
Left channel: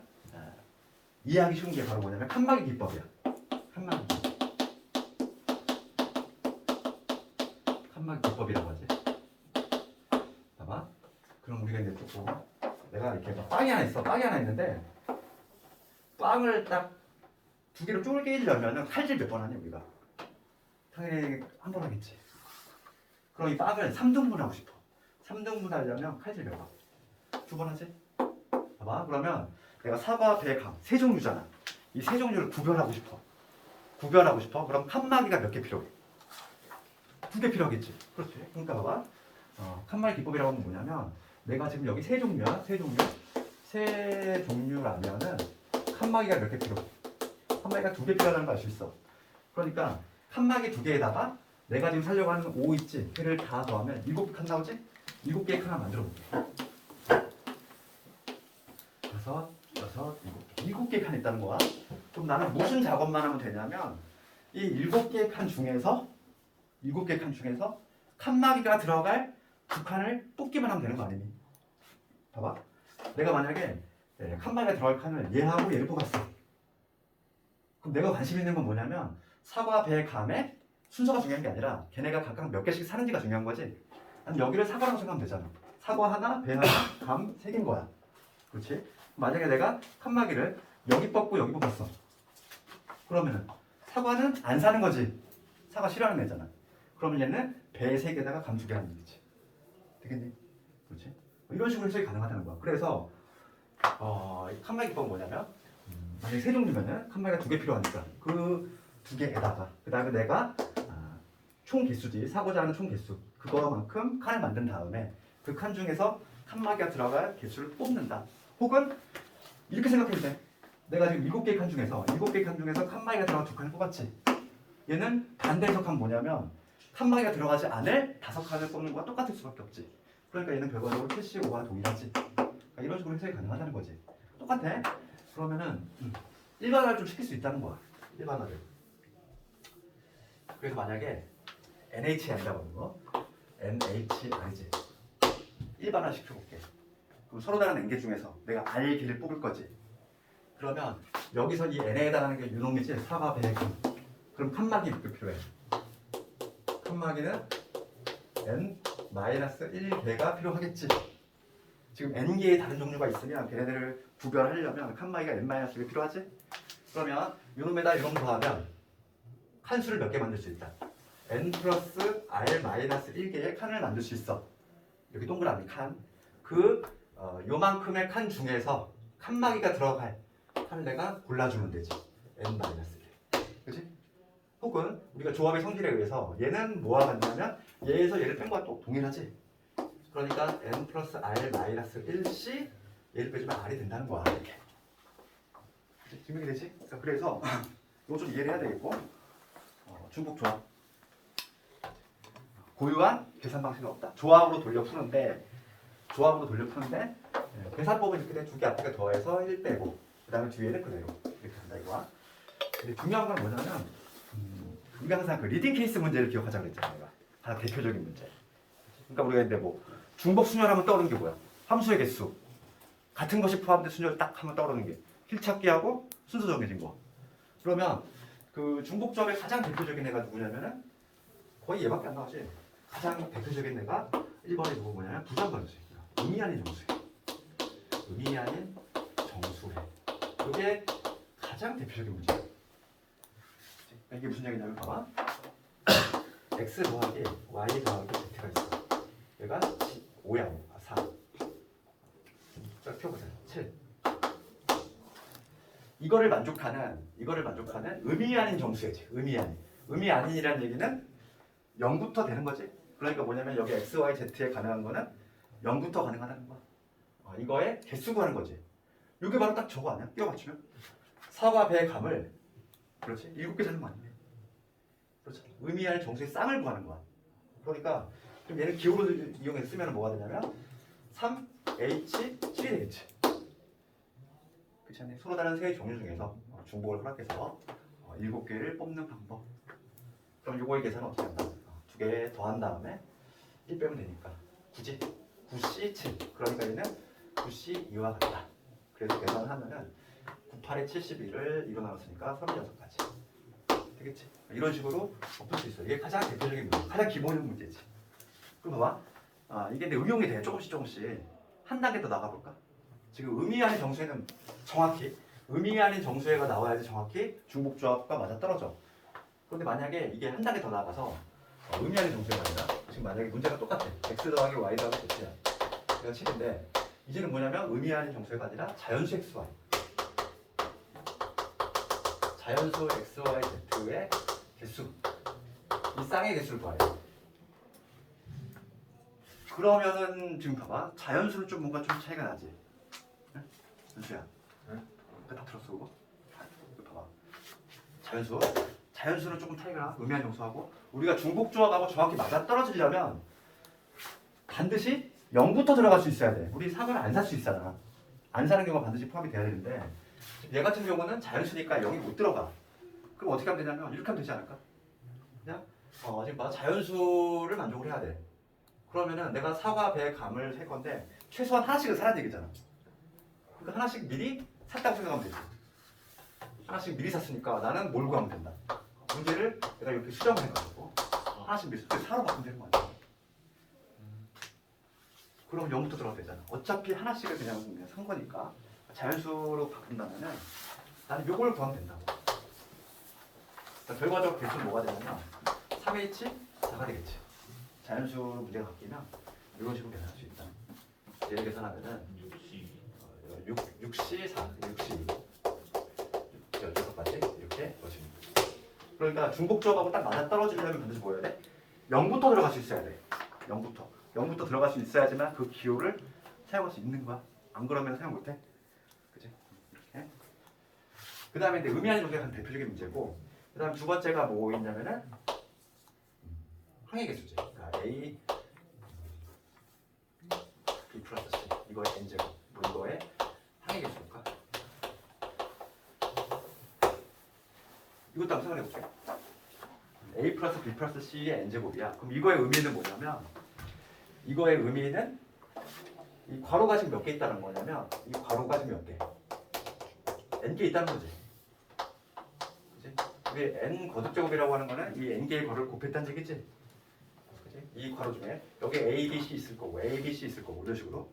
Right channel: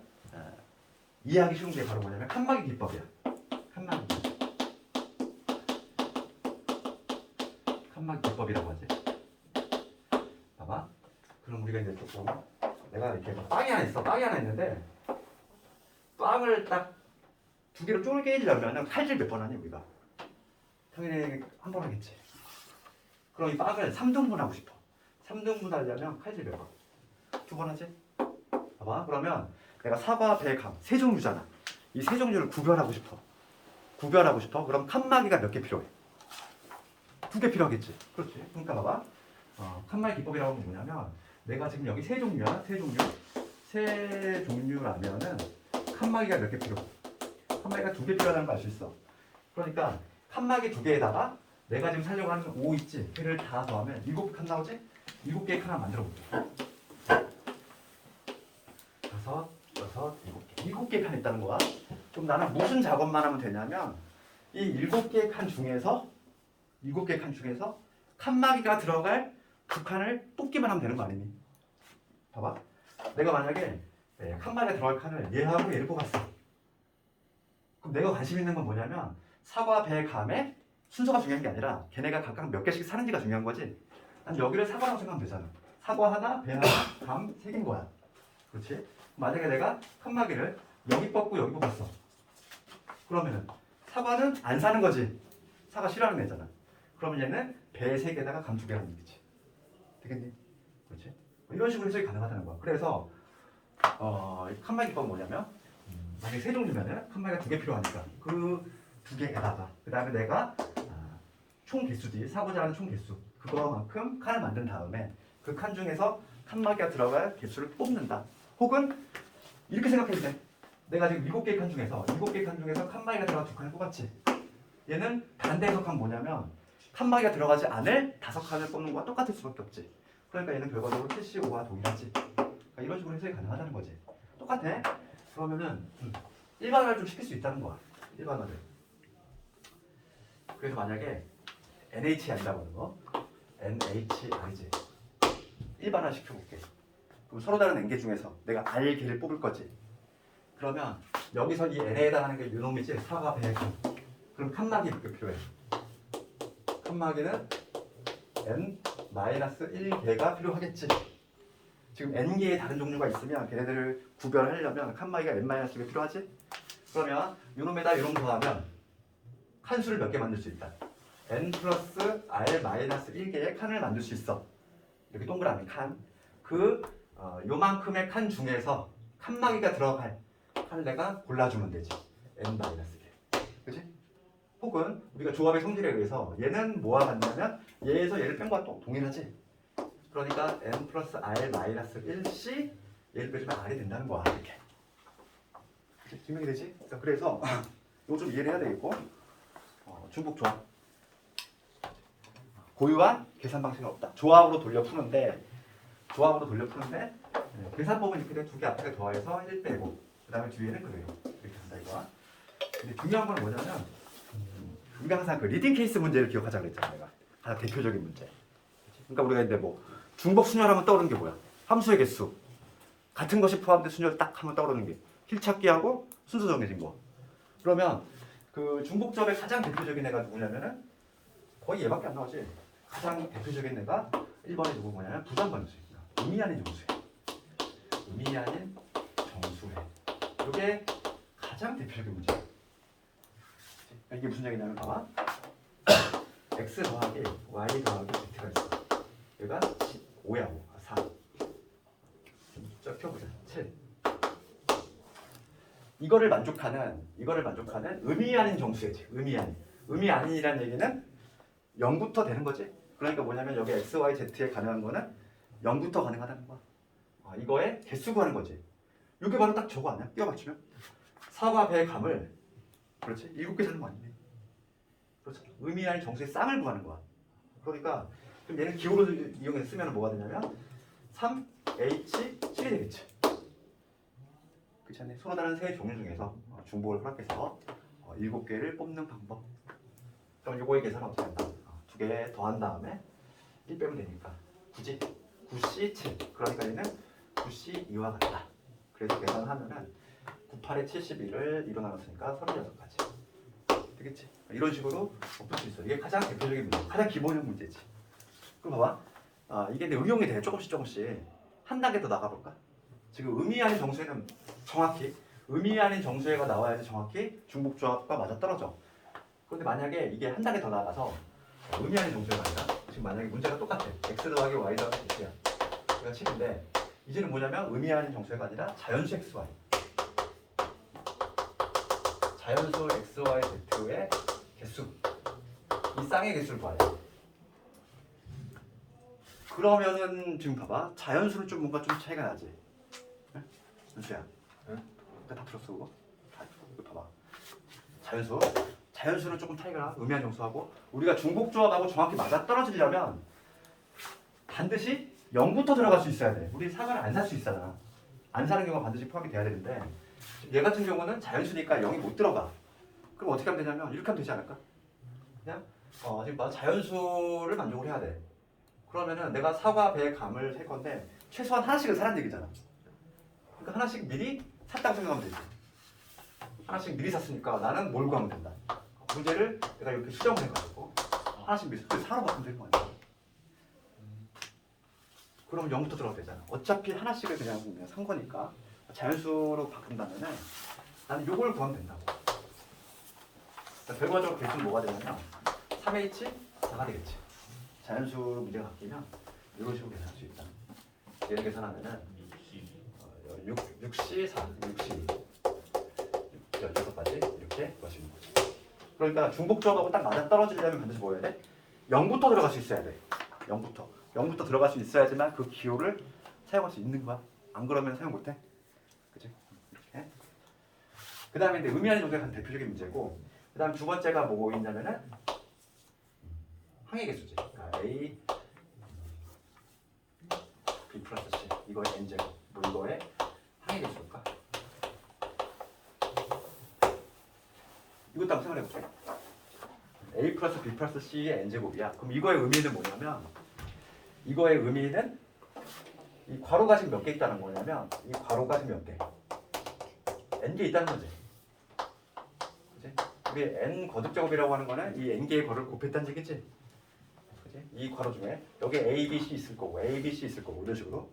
이해하기 쉬운 게 바로 뭐냐면 칸막이 기법이야. 칸막이. 칸막이 기법이라고 하지. 봐봐. 그럼 우리가 이제 조금 내가 이렇게 막 빵이 하나 있어. 빵이 하나 있는데 빵을 딱 두 개로 쪼개려면은 칼질 몇 번 하니 우리가? 당연히 한 번 하겠지. 그럼 이 빵을 3등분 하고 싶어. 3등분 하려면 칼질 몇 번? 2번 하지? 봐봐. 그러면 내가 사과, 배, 감 세 종류잖아. 이 세 종류를 구별하고 싶어. 구별하고 싶어. 그럼 칸막이가 몇 개 필요해? 2개 필요하겠지. 그렇지. 그러니까 봐봐. 칸막이 기법이라고 하면 뭐냐면 내가 지금 여기 세 종류야. 세 종류. 세 종류라면은 칸막이가 몇 개 필요해? 칸막이가 2개 필요하다는 거 알 수 있어. 그러니까 칸막이 2개에다가 내가 지금 살려고 하는 5 있지? 걔를 다 더하면 7칸 나오지? 7개의 칸을 만들어 볼게. 7개 칸 있다는 거야. 그럼 나는 무슨 작업만 하면 되냐면 이 7개의 칸 중에서 7개 칸 중에서 칸막이가 들어갈 두 칸을 뽑기만 하면 되는 거 아니니? 봐봐. 내가 만약에 칸막이가 들어갈 칸을 얘하고 얘를 뽑았어. 그럼 내가 관심 있는 건 뭐냐면 사과, 배, 감의 순서가 중요한 게 아니라 걔네가 각각 몇 개씩 사는지가 중요한 거지. 난 여기를 사과라고 생각하면 되잖아. 사과 하나, 배 하나, 감 3개인 거야. 그렇지? 만약에 내가 칸막이를 여기 뽑고 여기 뽑았어. 그러면은 사과는 안 사는 거지. 사과 싫어하는 애잖아. 그러면 얘는 배 3개에다가 감 2개 하는 얘기지. 되겠니? 그렇지? 이런 식으로 해석이 가능하다는 거야. 그래서 칸막이 기법은 뭐냐면 만약에 세 종류면은 칸막이가 2개 필요하니까 그 2개에다가 그 다음에 내가 총 개수지 사고자 하는 총 개수 그거만큼 칸을 만든 다음에 그 칸 중에서 칸막이가 들어갈 개수를 뽑는다. 혹은 이렇게 생각해도 돼. 내가 지금 7개 칸 중에서 칸막이가 들어간 2칸을 뽑았지. 얘는 반대 해석하면 뭐냐면 칸막이가 들어가지 않을 5칸을 뽑는 거와 똑같을 수밖에 없지. 그러니까 얘는 결과적으로 75와 동일하지. 그러니까 이런 식으로 해석이 가능하다는 거지. 똑같아. 그러면은 일반화를 좀 시킬 수 있다는 거야. 일반화를. 그래서 만약에 NHI 한다고 하는 거 NHI지. 일반화 시켜볼게. 그럼 서로 다른 N개 중에서 내가 R개를 뽑을 거지. 그러면 여기서 이 N에 해당하는 게 유놈이지. 사과, 배, 감. 그럼 칸막이 몇 개 필요해? 칸막이는 N-1개가 필요하겠지. 지금 N개의 다른 종류가 있으면 걔네들을 구별하려면 칸막이가 N-개 필요하지? 그러면 요놈에다 요놈 더하면 칸수를 몇 개 만들 수 있다. N 플러스 R-1개의 칸을 만들 수 있어. 이렇게 동그라미 칸. 요만큼의 칸 중에서 칸막이가 들어갈 칸을 내가 골라주면 되지. N-개. 그치? 혹은 우리가 조합의 성질에 의해서 얘는 뭐와 같냐면 얘에서 얘를 뺀 거와 또 동일하지. 그러니까 N 플러스 R-1C 얘를 빼주면 R이 된다는 거야. 이렇게. 증명이 되지? 그래서 이거 좀 이해를 해야 되겠고 중복 조합 고유한 계산 방식은 없다. 조합으로 돌려 푸는데 계산법은 이렇게 돼. 2개 앞에 더해서 1 빼고 그 다음에 뒤에는 그대로 이렇게 된다 이거야. 근데 중요한 건 뭐냐면 우리가 항상 그 리딩 케이스 문제를 기억하자고 그랬잖아. 내가 가장 대표적인 문제. 그러니까 우리가 이제 뭐 중복 순열하면 떠오르는 게 뭐야? 함수의 개수 같은 것이 포함된 순열 딱 하면 떠오르는 게 힐찾기하고 순서 정해진 거. 그러면 그 중복점의 가장 대표적인 애가 누구냐면은 거의 얘밖에 안 나오지. 가장 대표적인 애가 1번에 누구 뭐냐면 부정관수. 의미 아닌 정수해. 의미 아닌 정수해. 이게 가장 대표적인 문제야. 이게 무슨 얘기냐면 봐봐. x 더하기 y 더하기 z가 있어. 얘가 5야. 4. 쫙 펴보자. 7. 이거를 만족하는 의미 아닌 정수겠지. 의미 아닌이라는 얘기는 0부터 되는 거지. 그러니까 뭐냐면 여기 x, y, z에 가능한 거는 0부터 가능하다는 거야. 이거에 개수 구하는 거지. 이게 바로 딱 저거 아니야? 끼워 맞추면 사과, 배, 감을 그렇지? 7개 사는 거 아니야? 그렇지? 의미 아닌 정수의 쌍을 구하는 거야. 그러니까 그럼 얘는 기호로 이용해서 쓰면 뭐가 되냐면 3H7이 되겠지. 그렇지 않니? 서로 다른 세 종류 중에서 중복을 허락해서 7개를 뽑는 방법. 그럼 요거의 계산은 어떻게 한다? 2개 더한 다음에 1 빼면 되니까 9지? 9C7. 그러니까 얘는 9C2와 같다. 그래서 계산을 하면은 98에 71을 2로 나눴으니까 36가지. 되겠지? 이런 식으로 풀 수 있어. 이게 가장 대표적인 문제, 가장 기본적인 문제지. 그럼 봐봐. 이게 근데 응용이 돼. 조금씩 한 단계 더 나가볼까? 지금 의미 아닌 정수에는 정확히 의미 아닌 정수에가 나와야지 정확히 중복조합과 맞아 떨어져. 그런데 만약에 이게 한 단계 더 나가서 의미 아닌 정수가 아니라 지금 만약에 문제가 똑같아. x 더하기 y 더하기 z야. 이건 7인데 이제는 뭐냐면 의미 아닌 정수가 아니라 자연수 x, y. 자연수 x, y, z의 개수. 이 쌍의 개수를 구하래. 그러면은 지금 봐봐. 자연수는 좀 뭔가 좀 차이가 나지. 응? 은수야. 응? 다 들었어 그거? 이거 봐봐. 자연수는 조금 차이가 나. 의미 아닌 정수하고 우리가 중복조합하고 정확히 맞아 떨어지려면 반드시 0부터 들어갈 수 있어야 돼. 우리 3을 안 살 수 있잖아. 안 사는 경우가 반드시 포함이 돼야 되는데 얘 같은 경우는 자연수니까 0이 못 들어가. 그럼 어떻게 하면 되냐면 이렇게 하면 되지 않을까? 그냥 지금 봐. 자연수를 만족을 해야 돼. 그러면은 내가 사과, 배, 감을 살 건데 최소한 하나씩은 사라는 얘기잖아. 그러니까 하나씩 미리 샀다고 생각하면 되지. 하나씩 미리 샀으니까 나는 뭘 구하면 된다. 문제를 내가 이렇게 수정을 해가지고 하나씩 미리 사로 바꾸면 되는 거 아니야. 그럼 0부터 들어가도 되잖아. 어차피 하나씩을 그냥 산 거니까 자연수로 바꾼다면은 나는 요걸 구하면 된다고. 그러니까 결과적으로 개수는 뭐가 되냐면 3H 4가 되겠지. 자연수 문제가 바뀌면 이런 식으로 계산할 수 있다. 얘를 계산하면은 6C 4, 62 16가지 이렇게 보시면 돼. 그러니까 중복조합하고 딱 맞아 떨어지려면 반드시 뭐 해야 돼? 0부터 들어갈 수 있어야 돼. 0부터 들어갈 수 있어야지만 그 기호를 사용할 수 있는 거야. 안 그러면 사용 못해. 그치? 이렇게. 그 다음에 이제 의미 아닌 조사가 한 대표적인 문제고, 그 다음 두 번째가 뭐있냐면은 항의 개수지. 그러니까 A B 플러스 C 이거의 n제곱 뭐 이거의 항의 개수니까 이것도 한번 생각해볼게. A 플러스 B 플러스 C의 n제곱이야. 그럼 이거의 의미는 뭐냐면 이거의 의미는 이 괄호가 지금 몇 개 있다는 거냐면 이 괄호가 지금 몇 개? n개 있다는 거지. 그치? 우리 n 거듭제곱이라고 하는 거는 이 n개의 괄호를 곱했다는 얘기지. 그치? 이 괄호 중에 여기 a, b, c 있을 거고 a, b, c 있을 거고 이런 식으로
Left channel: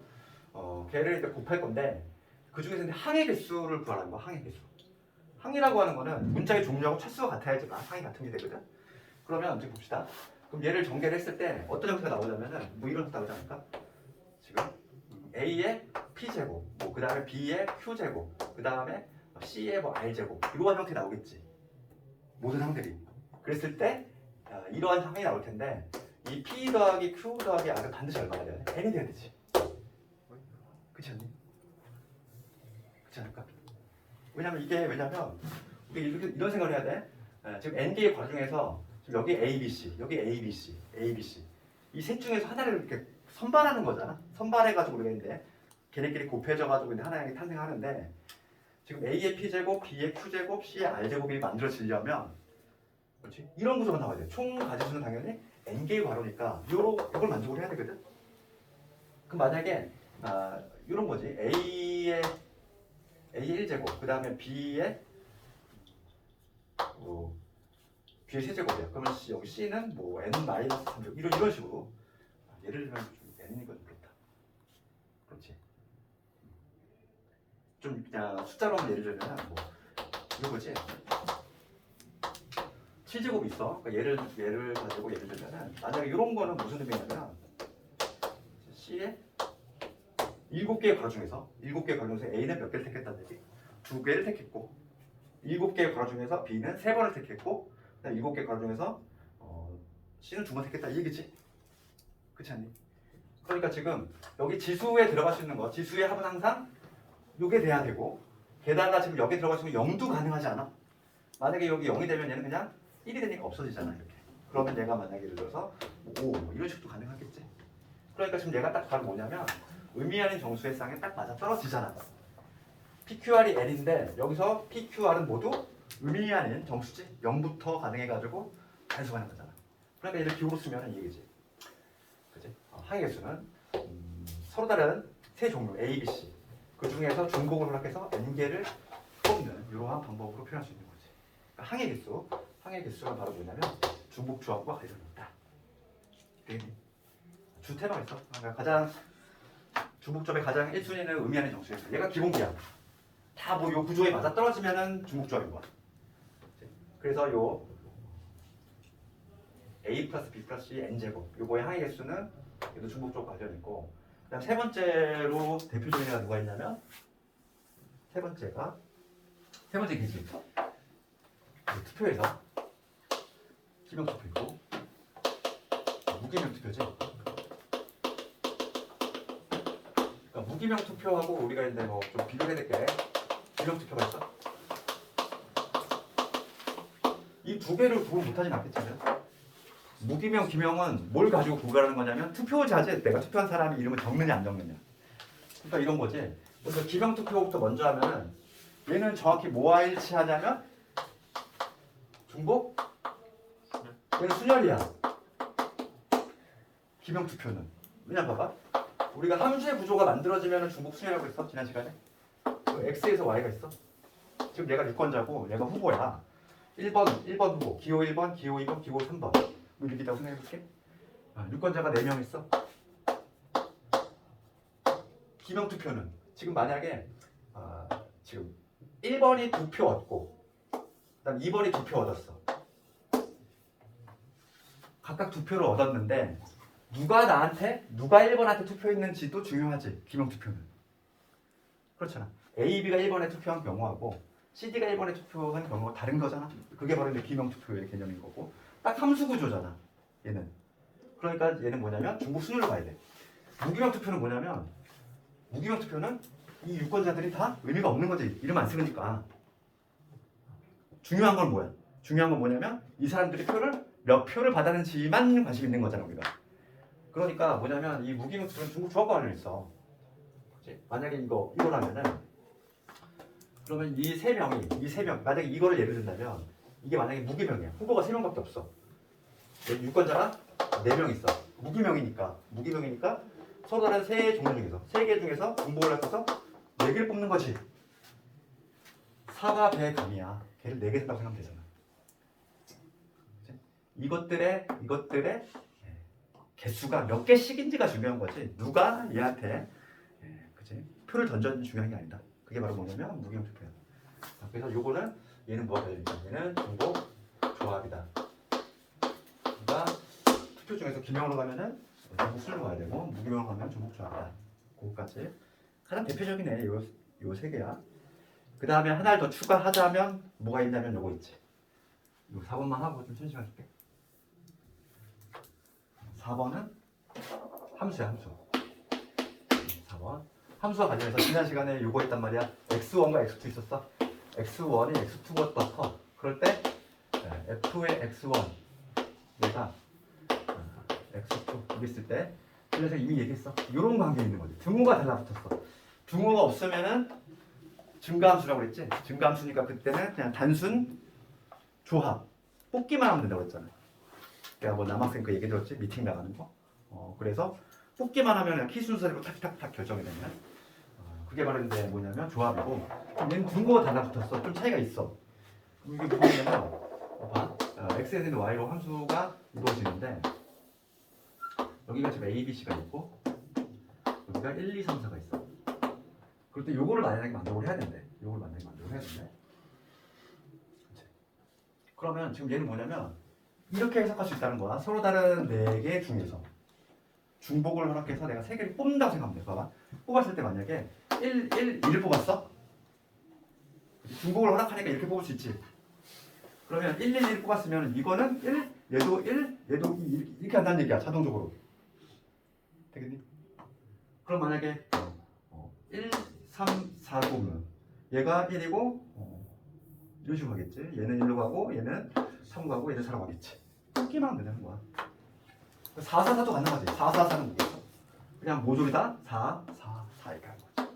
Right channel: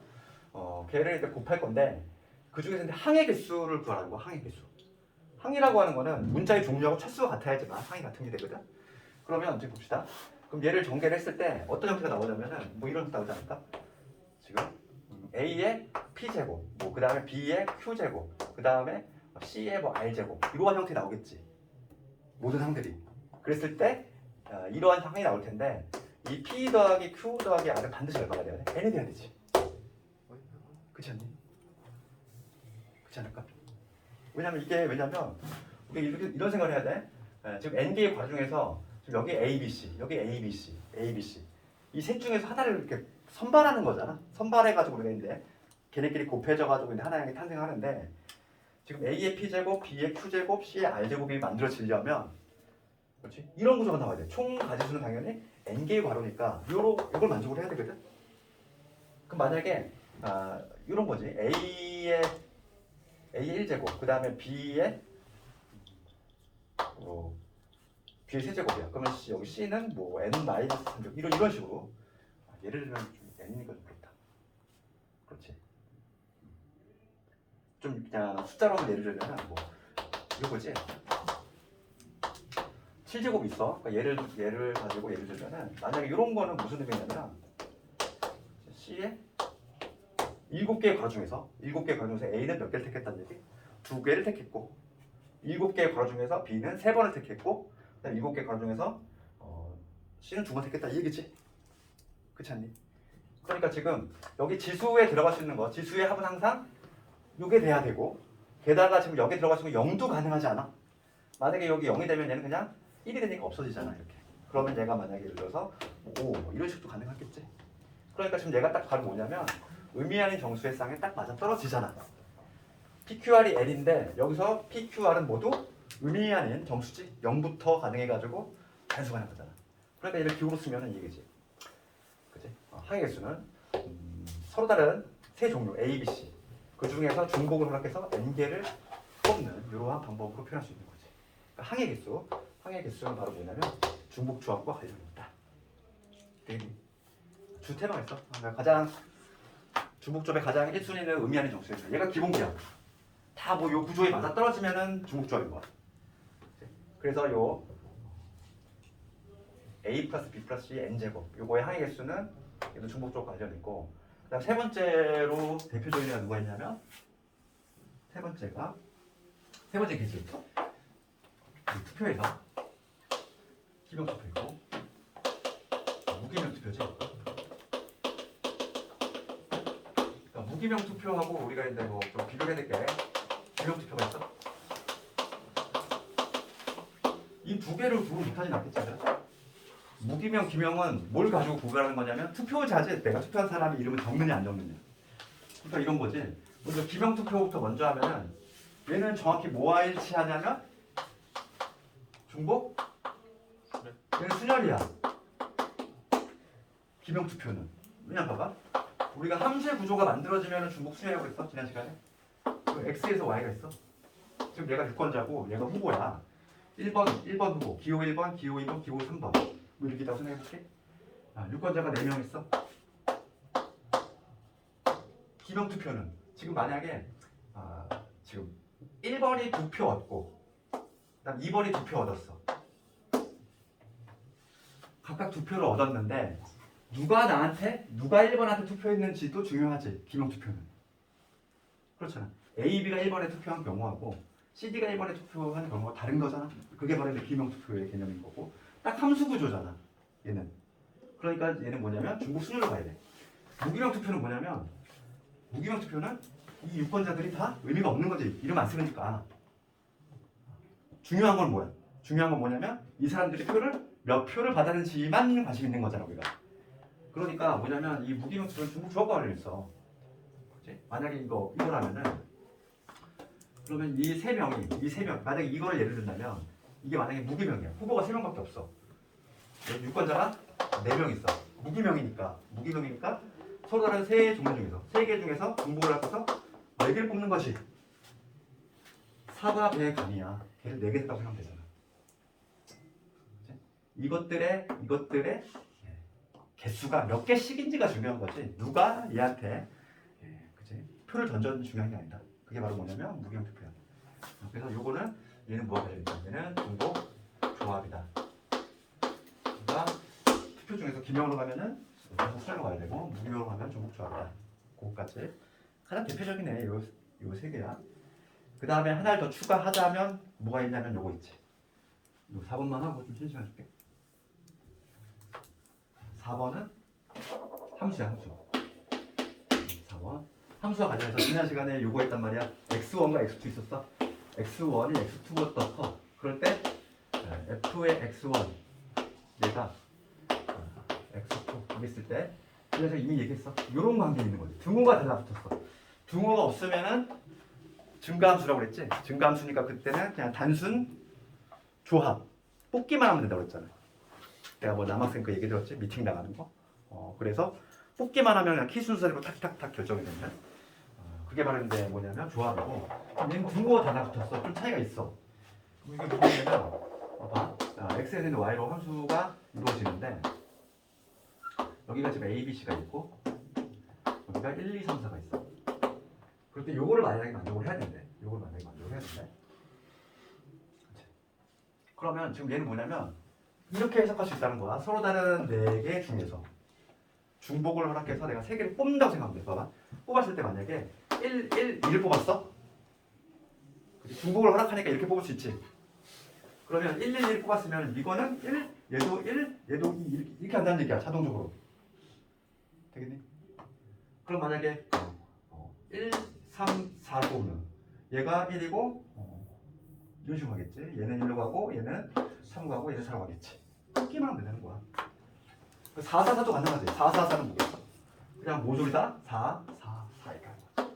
걔를 일단 곱할 건데 그 중에서 이제 항의 개수를 구하라는 거. 항의 개수. 항이라고 하는 거는 문자의 종류하고 차수가 같아야지만 항이 같은 게 되거든. 그러면 이제 봅시다. 그럼 얘를 전개를 했을 때 어떤 형태가 나오냐면은 뭐 이런 형태가 나오지 않을까? 지금 A의 P제곱, 뭐 그 다음에 B의 Q제곱, 그 다음에 C의 뭐 R제곱 이러한 형태 나오겠지. 모든 항들이. 그랬을 때 이러한 항이 나올 텐데 이 P 더하기 Q 더하기 R은 반드시 얼마가 돼야 돼? N이 돼야 되지. 그렇지 않니? 그렇지 않을까? 왜냐면 이게 이런 생각을 해야 돼. 지금 N개의 괄호 중에서 지금 여기 A, B, C, 여기 A, B, C, A, B, C 이 셋 중에서 하나를 이렇게 선발하는 거잖아. 선발해가지고 우리가 이제 걔네끼리 곱해져가지고 이제 하나의 탄생하는데 지금 A의 P제곱, B의 Q제곱, C의 R제곱이 만들어지려면 그렇지? 이런 구조가 나와야 돼. 총 가지수는 당연히 N개의 괄호니까 이걸 만족을 해야 되거든. 그럼 만약에 이런 거지. A의 1제곱, 그 다음에 B의 B의 세제곱이야. 그러면 여기 C는 뭐 N-3제곱 이런 식으로 예를 들면 좀 N이니까 좀 그렇다. 그렇지. 좀 그냥 숫자로 예를 들면 뭐 이거지. 7제곱이 있어. 그러니까 예를 가지고 예를 들면은 만약에 이런 거는 무슨 의미냐면 C의 7개의 괄호 중에서 A는 몇 개를 택했다는 얘기? 2개를 택했고 7개의 괄호 중에서 B는 3번을 택했고 그다음에 7개의 괄호 중에서 C는 2번 택했다 이 얘기지? 그렇지 않니? 그러니까 지금 여기 지수에 들어갈 수 있는 거 지수의 합은 항상 이게 돼야 되고 게다가 지금 여기 들어갈 수 있는 0도 가능하지 않아? 만약에 여기 0이 되면 얘는 그냥 1이 되니까 없어지잖아 이렇게. 그러면 얘가 만약에 예를 들어서 5 뭐 이런 식도 가능하겠지. 그러니까 지금 얘가 딱 바로 뭐냐면 의미 아닌 정수의 쌍에 딱 맞아 떨어지잖아. PQR이 N인데 여기서 PQR은 모두 의미 아닌 정수지. 0부터 가능해가지고 단수가 하는 거잖아. 그러니까 얘를 기호로 쓰면 이거지. 그치? 항의 개수는 서로 다른 세 종류 A, B, C 그 중에서 중복을 생각해서 N개를 뽑는 이러한 방법으로 표현할 수 있는 거지. 항해 개수, 항해 개수는 바로 뭐냐면 중복 조합과 관련이 있다. 주태가 있어. 그러니까 가장 중복 조합의 가장 1순위는 의미하는 정수였어. 얘가 기본기야. 다 뭐 요 구조에 맞아 떨어지면은 중복 조합인 거야. 그래서 요 a 플러스 b 플러스 c n 제곱 요거의 항해 개수는 얘도 중복 조합과 관련이 있고, 그다음 세 번째로 대표적인 애가 누가 있냐면 세 번째 개수. 투표에서 기명 투표이고 무기명 투표지. 그러니까 무기명 투표하고 우리가 이제 뭐 좀 비교해야 될 게 기명 투표가 있어. 이 두 개를 구분 못하진 않겠지. 무기명, 기명은 뭘 가지고 구별하는 거냐면 투표자재, 내가 투표한 사람의 이름을 적느냐 안 적느냐. 그러니까 이런 거지. 그래서 기명 투표부터 먼저 하면은 얘는 정확히 뭐와 일치하냐면 중복? 얘는 순열이야. 기명 투표는. 그냥 봐봐. 우리가 함수의 구조가 만들어지면 중복 순열이라고 했어 지난 시간에. X에서 Y가 있어. 지금 얘가 유권자고 얘가 후보야. 1번 후보, 기호 1번, 기호 2번, 기호 3번. 뭐 이렇게 있다고 생각해볼게. 유권자가 4명 있어. 기명 투표는 지금 만약에 지금 1번이 2표 얻고 그다음 2번이 2표 얻었어. 각각 2표를 얻었는데 누가 1번한테 투표했는지도 중요하지. 기명 투표는. 그렇잖아. A, B가 1번에 투표한 경우하고 CD가 1번에 투표한 경우가 다른 거잖아. 그게 바로 이제 기명 투표의 개념인 거고, 딱 함수 구조잖아. 얘는. 그러니까 얘는 뭐냐면 중복 순위로 가야 돼. 무기명 투표는 뭐냐면 무기명 투표는 이 유권자들이 다 의미가 없는 거지. 이름 안 쓰니까. 중요한 건 뭐야? 중요한 건 뭐냐면 이 사람들이 몇 표를 받았는지만 관심 있는 거잖아 우리가. 그러니까 뭐냐면 이 무기명 투표는 중복 조합과 관련이 있어. 만약에 이거라면은 그러면 이 세 명 만약에 이거를 예를 든다면 이게 만약에 무기명이야. 후보가 3명밖에 없어. 유권자가 4명 있어. 무기명이니까 서로 다른 세 종류 중에서 3개 중에서 중복을 합쳐서 4개를 뽑는 것이 사과 배의 감이야. 걔를 4개 했다고 생각하면 되잖아. 이것들의 개수가 몇 개씩인지가 중요한 거지. 누가 얘한테 그치? 표를 던졌는지 중요한 게 아니다. 그게 바로 뭐냐면 무기명 투표야. 그래서 요거는 얘는 뭐가 되냐? 얘는 중복 조합이다. 그러니까 투표 중에서 기명으로 가면은 중복 순으로 가야 되고 무기명으로 가면 중복 조합이다. 그거까지 가장 대표적인 애 요 세 개야. 그 다음에 하나를 더 추가하자면 뭐가 있냐면 요거 있지. 요 4번만 하고 좀 쉬는 시간 줄게. 4번은 함수야, 함수. 4번. 함수와 관련해서 지난 시간에 요거 했단 말이야. x1과 x2 있었어. x1이 x2보다 커. 그럴 때 f의 x1 얘가 x2 이랬을 때 그래서 이미 얘기했어. 요런 관계 있는 거지. 등호가 달라붙었어. 등호가 없으면은 증가함수라고 그랬지. 증가함수니까 그때는 그냥 단순 조합 뽑기만 하면 된다고 그랬잖아. 내가 뭐 남학생 그 얘기 들었지? 미팅 나가는 거. 그래서 뽑기만 하면 그냥 키 순서대로 탁탁탁 결정이 되는. 그게 말인데 뭐냐면 조합이고, 얘는 등호가 달라붙었어. 좀 차이가 있어. 이게 뭐냐면 봐. x에 있는 y로 함수가 이루어지는데 여기가 지금 a, b, c가 있고 여기가 1, 2, 3, 4가 있어. 그럴 때 요거를 만약에 만족을 해야 된대. 그러면 지금 얘는 뭐냐면 이렇게 해석할 수 있다는 거야. 서로 다른 4개 중에서 중복을 허락해서 내가 3개를 뽑는다고 생각하면 돼. 봐봐. 뽑았을 때 만약에 1을 뽑았어? 중복을 허락하니까 이렇게 뽑을 수 있지. 그러면 1, 1, 1 뽑았으면 이거는 1, 얘도 1, 얘도 2 이렇게 한다는 얘기야. 자동적으로. 되겠니? 그럼 만약에 1, 3, 4를 뽑으면 얘가 1이고 이런 식으로 가겠지. 얘는 1로 가고 얘는 3로 가고 얘는 4로 가겠지. 뽑기만 하면 되는 거야. 4, 4, 4도 가능하지. 4, 4, 4는 뭐겠어? 그냥 모조리다 4, 4, 4 이렇게 하는 거지.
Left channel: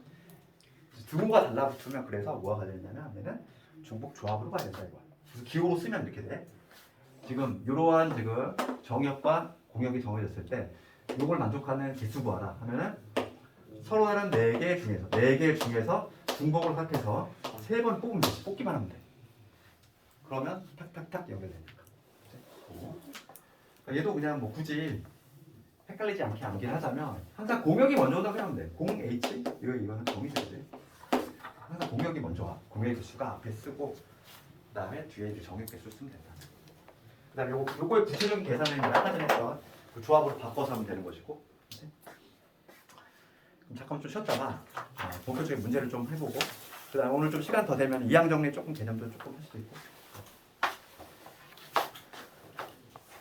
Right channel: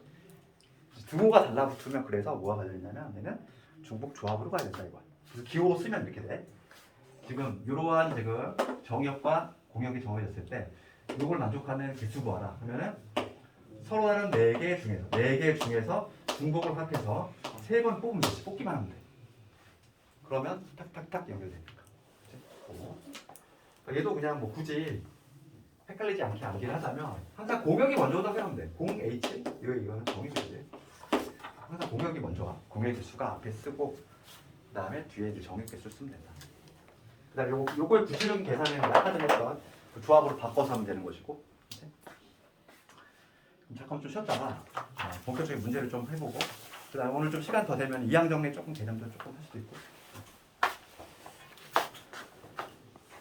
등호가 달라붙으면 그래서 뭐가 걸려있냐면 얘는 중복 조합으로 가야 된다 이거야. 그래서 기호로 쓰면 이렇게 돼. 지금 이러한 지금 정역과 공역이 정해졌을 때 이걸 만족하는 개수 구하라 하면은 서로 다른 4개 중에서 중복을 합해서 3번 뽑으면 되지. 뽑기만 하면 돼. 그러면 탁탁탁 연결되니까. 그러니까 얘도 그냥 뭐 굳이 헷갈리지 않게 암기를 하자면 항상 공역이 먼저 온다고 하면 돼. 0H 이거는 정의수지. 항상 공역이 먼저 와. 공역의 수가 앞에 쓰고 그다음에 뒤에 이제 정의개수 쓰면 된다. 그다음에 요거의 구체적인 계산은 아까 전에 했던 그 조합으로 바꿔서 하면 되는 것이고. 잠깐 좀 쉬었다가 본격적인 문제를 좀 해보고 그다음 오늘 좀 시간 더 되면 이항 정리 조금 개념도 조금 할 수도 있고